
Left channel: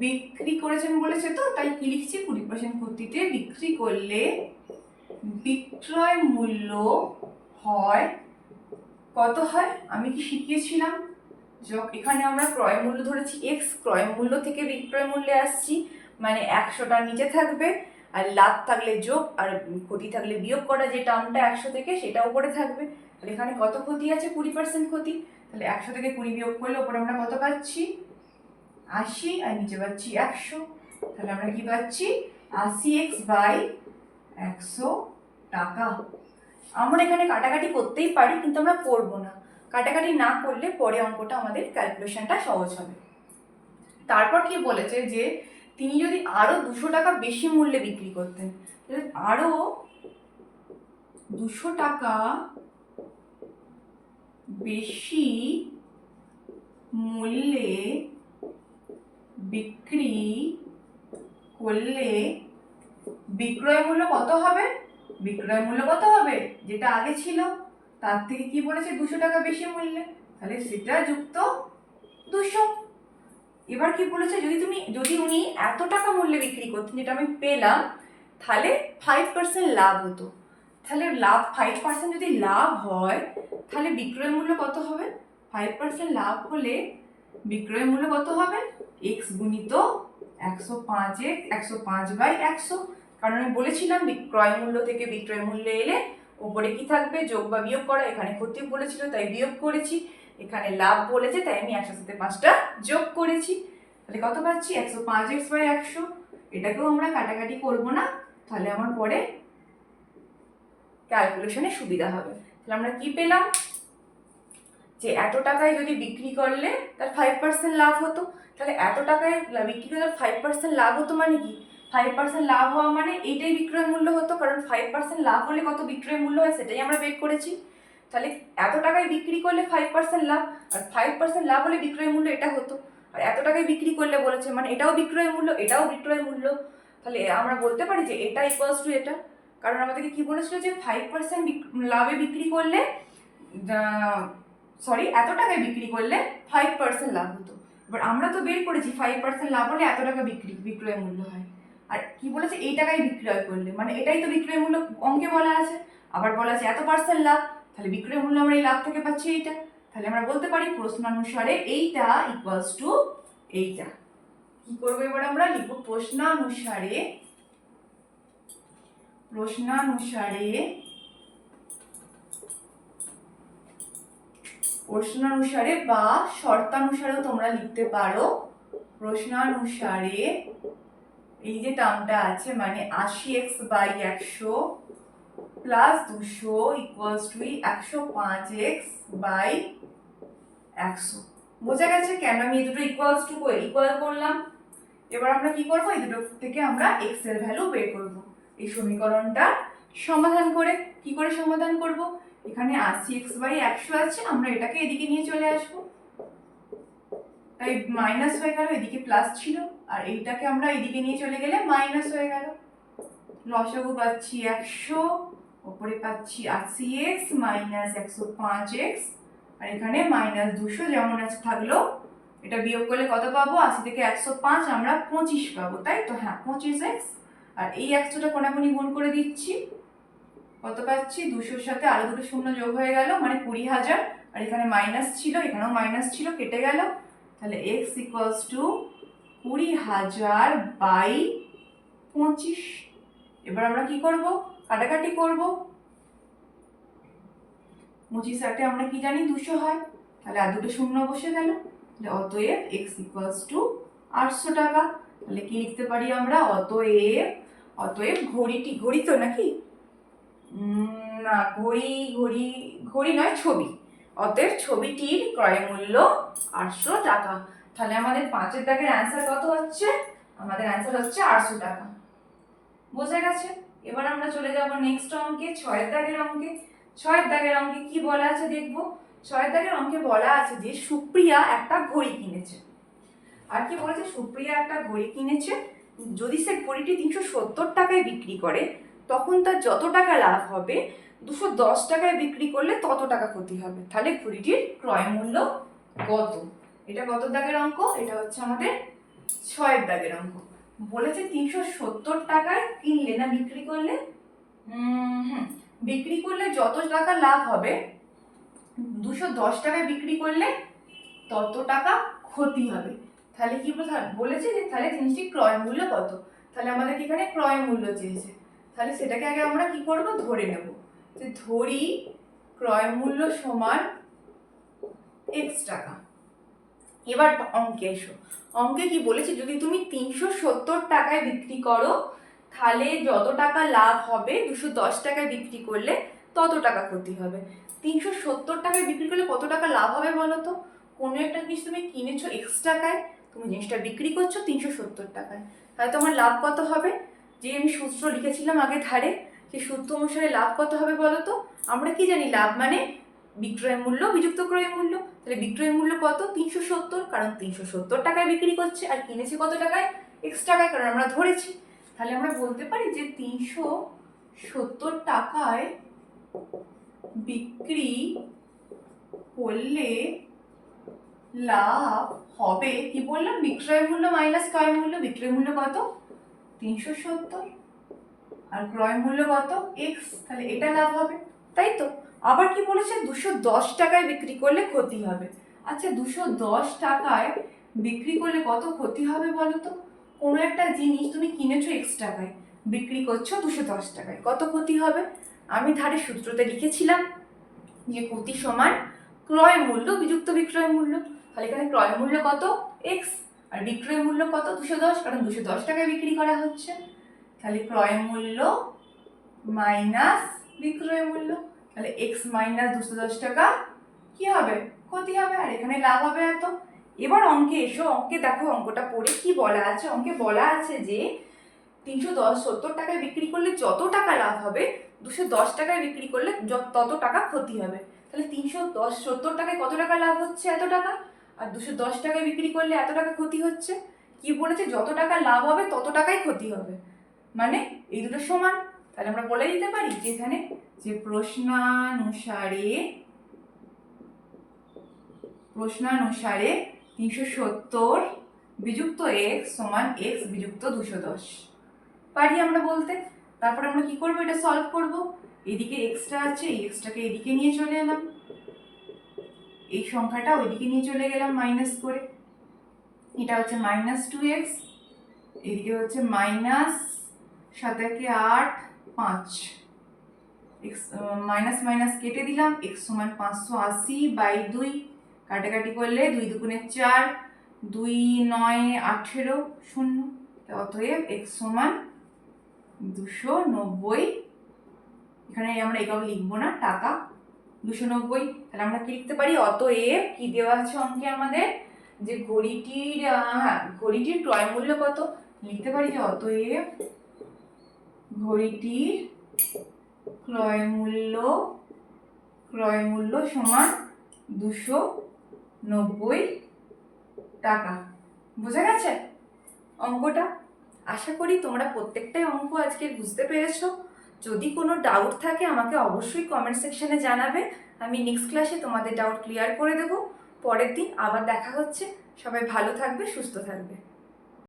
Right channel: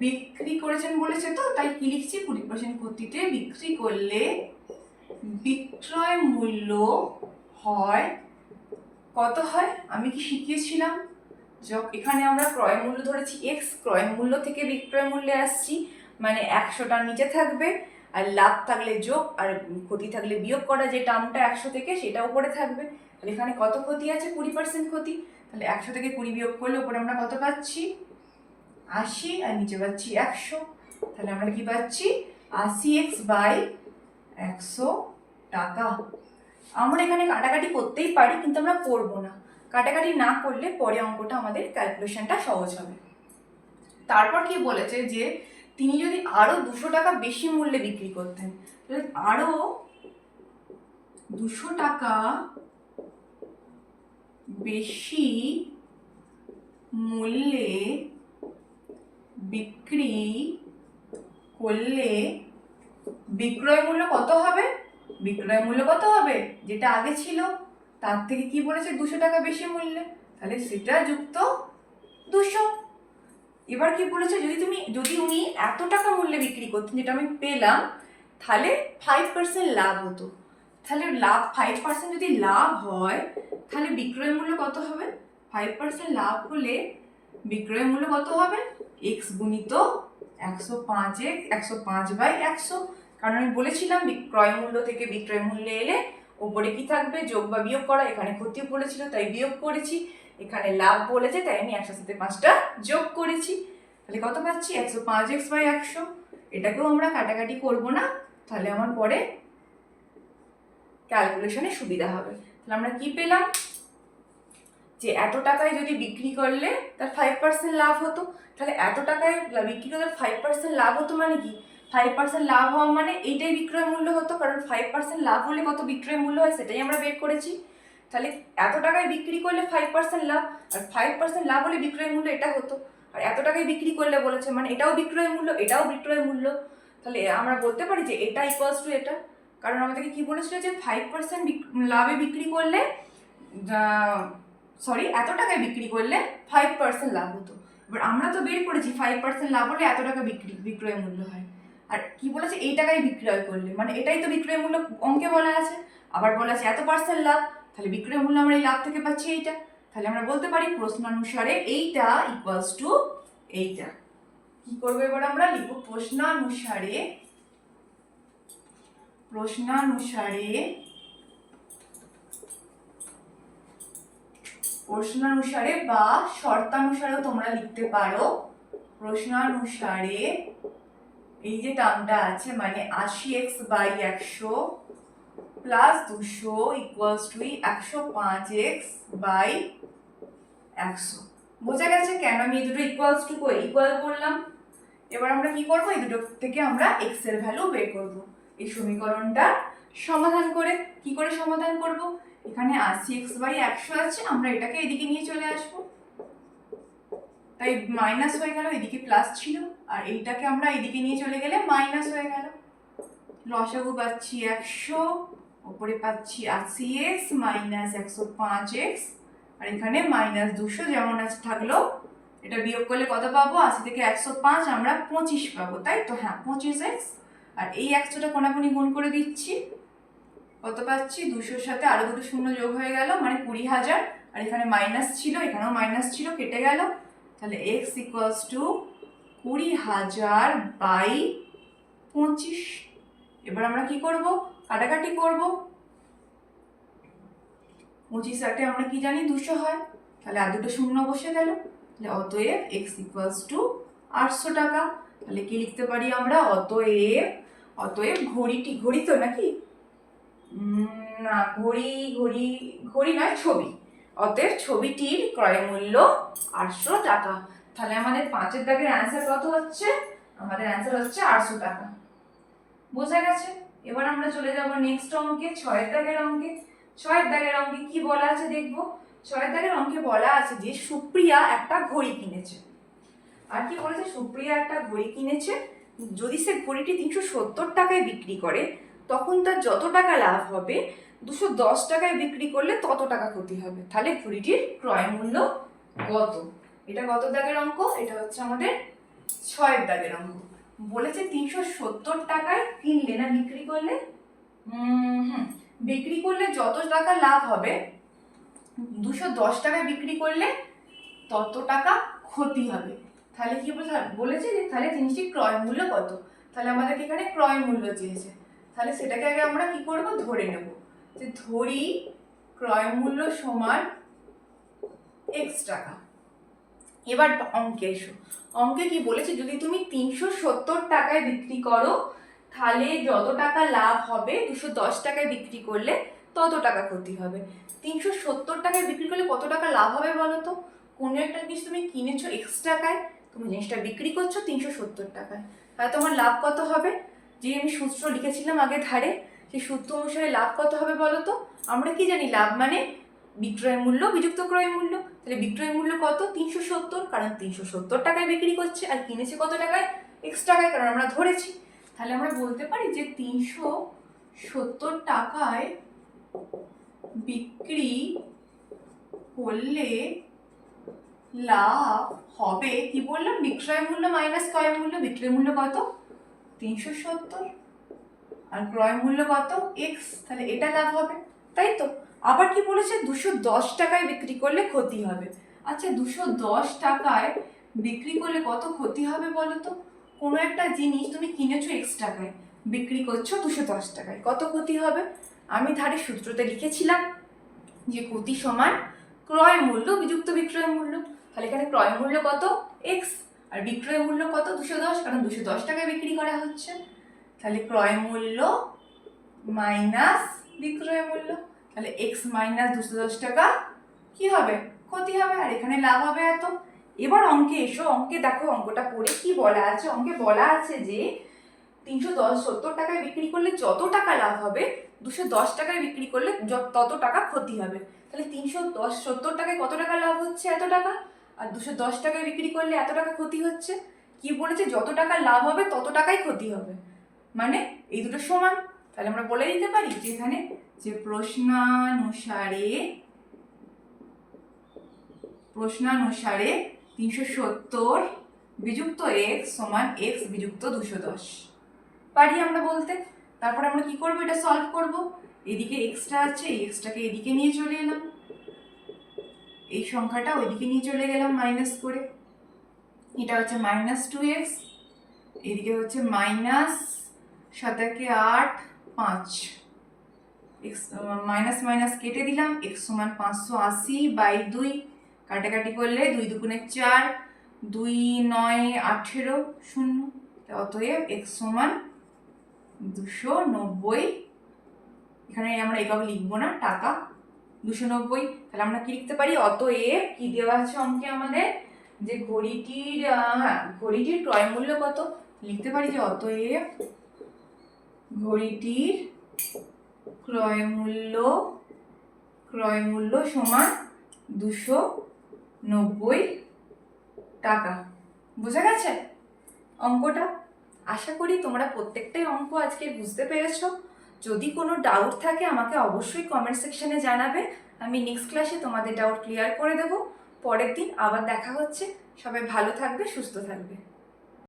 বিক্রি করেছেন বলেছে, তো তাই কি লিখছি, 20% ক্ষতিতে বিক্রি করলে বিক্রয় মূল্য হয় কত হয়, আমি কি শিখিয়েছিলাম, এখানে আমরা ক্রয় মূল্য ধরেছি এক্স, ক্রয় মূল্য থেকে বিক্রয় মূল্যে আসছি, মানে 100টা নিচে থাকবে, আর লাভ থাকলে যোগ, আর ক্ষতি থাকলে বিয়োগ করা, যে টার্মটা 100 থেকে সেটা উপরে থাকবে। তাহলে এখানে কত ক্ষতি আছে, 20% ক্ষতি, তাহলে 100 থেকে 20 বিয়োগ করলে উপরে আমরা কত পাচ্ছি 80, আর নিচে পাচ্ছি 100, তাহলে আমরা কি পাচ্ছি 80x/100 টাকা। আমরা এখানে কাটাকাটি করতেই পারি, কিন্তু আমরা করব না, কাটাকাটি না করলে পরে অঙ্কটা আমাদের ক্যালকুলেশনটা সহজ হবে। তারপর কি বলেছে, যে তিনি যদি আরো 200 টাকা বেশি মূল্যে বিক্রি করতেন, তাহলে আরো 200 টাকা বেশি মূল্যে বিক্রি করলে বিক্রয় মূল্য কত হবে, যেটা আগে ছিল তার থেকে কি বলেছে 200 টাকা বেশি মূল্যে, তাহলে সেটা যুক্ত 200। এবার কি বলেছে, যদি উনি এত টাকা মূল্যে বিক্রি করতেন, যেটা আমি পেলাম, তাহলে 5% লাভ হতো, তাহলে 5% যদি লাভ হয় তাহলে বিক্রয় মূল্য কত হবে, 5% লাভ হলে বিক্রয় মূল্য কত হবে, x গুণিত 105/100, কারণ আমি বলেছিলাম ক্রয় মূল্য থেকে বিক্রয় মূল্যে এলে উপরে কি থাকবে, যোগ বা বিয়োগ করা, এখানে ক্ষতি বলেছিল তাই বিয়োগ করেছি, এখানে লাভ বলেছে তাই আমি 100 সাথে 5টা যোগ করেছি, তাহলে কত পাচ্ছি 105x/100। এটাকেও আমরা কাটাকাটি করব না, তাহলে আমার পরে ক্যালকুলেশনে সুবিধা হবে। তাহলে আমরা কি পেলাম, যে এত টাকায় যদি বিক্রি করলে তার 5% লাভ হতো, তাহলে এত টাকায় বিক্রি করলে 5% লাভ হতো মানে কি, 5% লাভ হওয়া মানে এইটাই বিক্রয় মূল্য হতো, কারণ 5% লাভ হলে কত বিক্রয় মূল্য হয় সেটাই আমরা বের করেছি। তাহলে এত টাকায় বিক্রি করলে 5% লাভ, আর 5% লাভ হলে বিক্রয় মূল্য এটা হতো, আর এত টাকায় বিক্রি করলে বলেছে মানে এটাও বিক্রয় মূল্য এটাও বিক্রয় মূল্য, তাহলে আমরা বলতে পারি যে এটা ইকুয়ালস টু এটা, কারণ আমাদেরকে কি বলেছিল যে 5% লাভে বিক্রি করলে এত টাকায় বিক্রি করলে 5% লাভ হতো। এবার আমরা তো বের করেছি 5% লাভ হলে এত টাকা বিক্রয় মূল্য হয়, আর কি বলেছে এই টাকায় বিক্রয় করলে, মানে এটাই তো বিক্রয় মূল্য অঙ্কে বলা আছে, আবার বলা আছে এত % লাভ, তাহলে বিক্রয় মূল্য আমরা এই লাভ থেকে পাচ্ছি এইটা, তাহলে আমরা বলতে পারি প্রশ্নানুসারে এইটা ইকুয়ালস টু এইটা। কি করবো এবার আমরা লিখবো প্রশ্নানুসারে বা শর্তানুসারেও তোমরা লিখতে পারো। প্রশ্নানুসারে এই যে টার্মটা আছে মানে 80x/100 plus 200 equals to 105x/100। বোঝা গেছে কেন আমি এই দুটো ইকুয়াল করলাম? এবার আমরা কি করব, এই দুটো থেকে আমরা x এর ভ্যালু বের করব এই সমীকরণটা সমাধান করে। কি করে সমাধান করব? এখানে 80x/100 আছে, আমরা এটাকে এদিকে নিয়ে চলে আসব, তাই মাইনাস হয়ে গেল, এদিকে প্লাস ছিল, আর এইটাকে আমরা এদিকে নিয়ে চলে গেলে মাইনাস হয়ে গেল। লসাগু পাচ্ছি 100, উপরে পাচ্ছি 80x মাইনাস 105x, আর এখানে মাইনাস 200 যেমন আছে থাকলো। এটা বিয়োগ করলে কত পাবো? 80 থেকে 105 আমরা 25 পাবো, তাই তো? হ্যাঁ, 25x। আর এই 100টা কোনাকুনি গুণ করে দিচ্ছি, কত পাচ্ছি? 200-র সাথে আরো দুটো শূন্য যোগ হয়ে গেল মানে 20,000, আর এখানে মাইনাস ছিল, এখানেও মাইনাস ছিল, কেটে গেল। তাহলে x ইকুয়ালস টু 20,000/25। এবার আমরা কি করব? কাটাকাটি করব। 25 আমরা কি জানি 200 হয়, তাহলে আর দুটো শূন্য বসে গেল। তাহলে অতএব x ইকুয়ালস টু 800 টাকা। তাহলে কি লিখতে পারি আমরা? অতএব ঘড়ি তো নাকি না, ঘড়ি নয়, ছবি। অতএব ছবিটির ক্রয় মূল্য 800 টাকা। তাহলে আমাদের 5 দাগের অ্যান্সার কত হচ্ছে? আমাদের অ্যান্সার হচ্ছে 800 টাকা। বোঝা গেছে? এবার আমরা চলে যাব নেক্সট অঙ্কে, 6 দাগের অঙ্কে। 6 দাগের অঙ্কে কি বলা আছে দেখবো। 6 দাগের অঙ্কে বলা আছে যে সুপ্রিয়া একটা ঘড়ি কিনেছে। আর কি বলেছে? সুপ্রিয়া একটা ঘড়ি কিনেছে, যদি সে ঘড়িটি 370 টাকায় বিক্রি করে তখন তার যত টাকা লাভ হবে, 210 টাকায় বিক্রি করলে তত টাকা ক্ষতি হবে। তাহলে ঘড়িটির ক্রয় মূল্য কত? এটা কত দাগের অঙ্ক? এটা হচ্ছে আমাদের 6 দাগের অঙ্ক। বলেছে 370 টাকায় কিনলে না বিক্রি করলে, বিক্রি করলে যত টাকা লাভ হবে, 210 টাকায় বিক্রি করলে তত টাকা ক্ষতি হবে। তাহলে কি বলেছে যে তাহলে জিনিসটির ক্রয় মূল্য কত? তাহলে আমাদের এখানে ক্রয় মূল্য চেয়েছে, তাহলে সেটাকে আগে আমরা কি করব? ধরে নেব যে ধরি ক্রয় মূল্য সমান x টাকা। এবার অঙ্কে এসো। অঙ্কে কি বলেছে? যদি তুমি 370 টাকায় বিক্রি করো তাহলে যত টাকা লাভ হবে, 210 টাকায় বিক্রি করলে তত টাকা ক্ষতি হবে। 370 টাকায় বিক্রি করলে কত টাকা লাভ হবে বলো তো? কোনো একটা জিনিস তুমি কিনেছো x টাকায়, তুমি জিনিসটা বিক্রি করছো 370 টাকায়, তাহলে তোমার লাভ কত হবে? যে আমি সূত্র লিখেছিলাম আগে ধারে, সেই সূত্র অনুসারে লাভ কত হবে বলো তো? আমরা কি জানি? লাভ মানে বিক্রয় মূল্য বিযুক্ত ক্রয় মূল্য। তাহলে বিক্রয় মূল্য কত? 370, কারণ 370 টাকায় বিক্রি করছে, আর কিনেছে কত টাকায়? x টাকায়, কারণ আমরা ধরেছি। তাহলে আমরা বলতে পারি যে 370 টাকায় বিক্রি করলে লাভ হবে, কি বললাম? বিক্রয় মূল্য মাইনাস ক্রয় মূল্য। বিক্রয় মূল্য কত? 370, আর ক্রয় মূল্য কত? x। তাহলে এটা লাভ হবে, তাই তো? আবার কি বলেছে? 210 টাকায় বিক্রি করলে ক্ষতি হবে। আচ্ছা, 210 টাকায় বিক্রি করলে কত ক্ষতি হবে বলো তো? কোনো একটা জিনিস তুমি কিনেছো x টাকায়, বিক্রি করছো 210 টাকায়, কত ক্ষতি হবে? আমি ধারে সূত্রতে লিখেছিলাম যে ক্ষতি সমান ক্রয় মূল্য বিযুক্ত বিক্রয় মূল্য। তাহলে এখানে ক্রয় মূল্য কত? x, আর বিক্রয় মূল্য কত? 210, কারণ 210 টাকায় বিক্রি করা হচ্ছে। তাহলে ক্রয় মূল্য মাইনাস বিক্রয় মূল্য, তাহলে x মাইনাস 210 টাকা কি হবে? ক্ষতি হবে, আর এখানে লাভ হবে এত। এবার অঙ্কে এসো। অঙ্কে দেখো অঙ্কটা পড়ে কি বলা আছে। অঙ্কে বলা আছে যে 370 টাকায় বিক্রি করলে যত টাকা লাভ হবে, 210 টাকায় বিক্রি করলে তত টাকা ক্ষতি হবে। তাহলে 370 টাকায় কত টাকা লাভ হচ্ছে? এত টাকা। আর 210 টাকায় বিক্রি করলে এত টাকা ক্ষতি হচ্ছে। কি বলেছে? যত টাকা লাভ হবে তত টাকাই ক্ষতি হবে, মানে এই দুটো সমান। তাহলে আমরা বলে দিতে পারি যে এখানে যে প্রশ্নানুসারে 370 বিযুক্ত x সমান x বিযুক্ত 210 পারি আমরা বলতে। তারপর আমরা কি করব? এটা সলভ করব। এদিকে এক্সট্রা আছে, এই এক্সট্রাকে এদিকে নিয়ে চলে এলাম, এই সংখ্যাটা ওইদিকে নিয়ে চলে গেলাম মাইনাস করে, এটা হচ্ছে -2x, এদিকে হচ্ছে মাইনাস 7 8 এক্স মাইনাস মাইনাস কেটে দিলাম, এক্স সমান 580/2, কাটাকাটি করলে 2 দুগুণে 4, 2 9 18 0, অতএব এক্স সমান 290। এখানে আমরা একক লিখবো না, টাকা 290। তাহলে আমরা কি লিখতে পারি, অতএব কি দেওয়া আছে অঙ্কে আমাদের, যে ঘড়িটির ঘড়িটির ক্রয় মূল্য কত, লিখতে পারি যে অতএব ঘড়িটির ক্রয় মূল্য সমান 290 টাকা। বোঝা গেছে অঙ্কটা? আশা করি তোমরা প্রত্যেকটাই অঙ্ক আজকে বুঝতে পেরেছো। যদি কোনো ডাউট থাকে আমাকে অবশ্যই কমেন্ট সেকশনে জানাবে, আমি নেক্সট ক্লাসে তোমাদের ডাউট ক্লিয়ার করে দেবো। পরের দিন আবার দেখা হচ্ছে। সবাই ভালো থাকবে, সুস্থ থাকবে।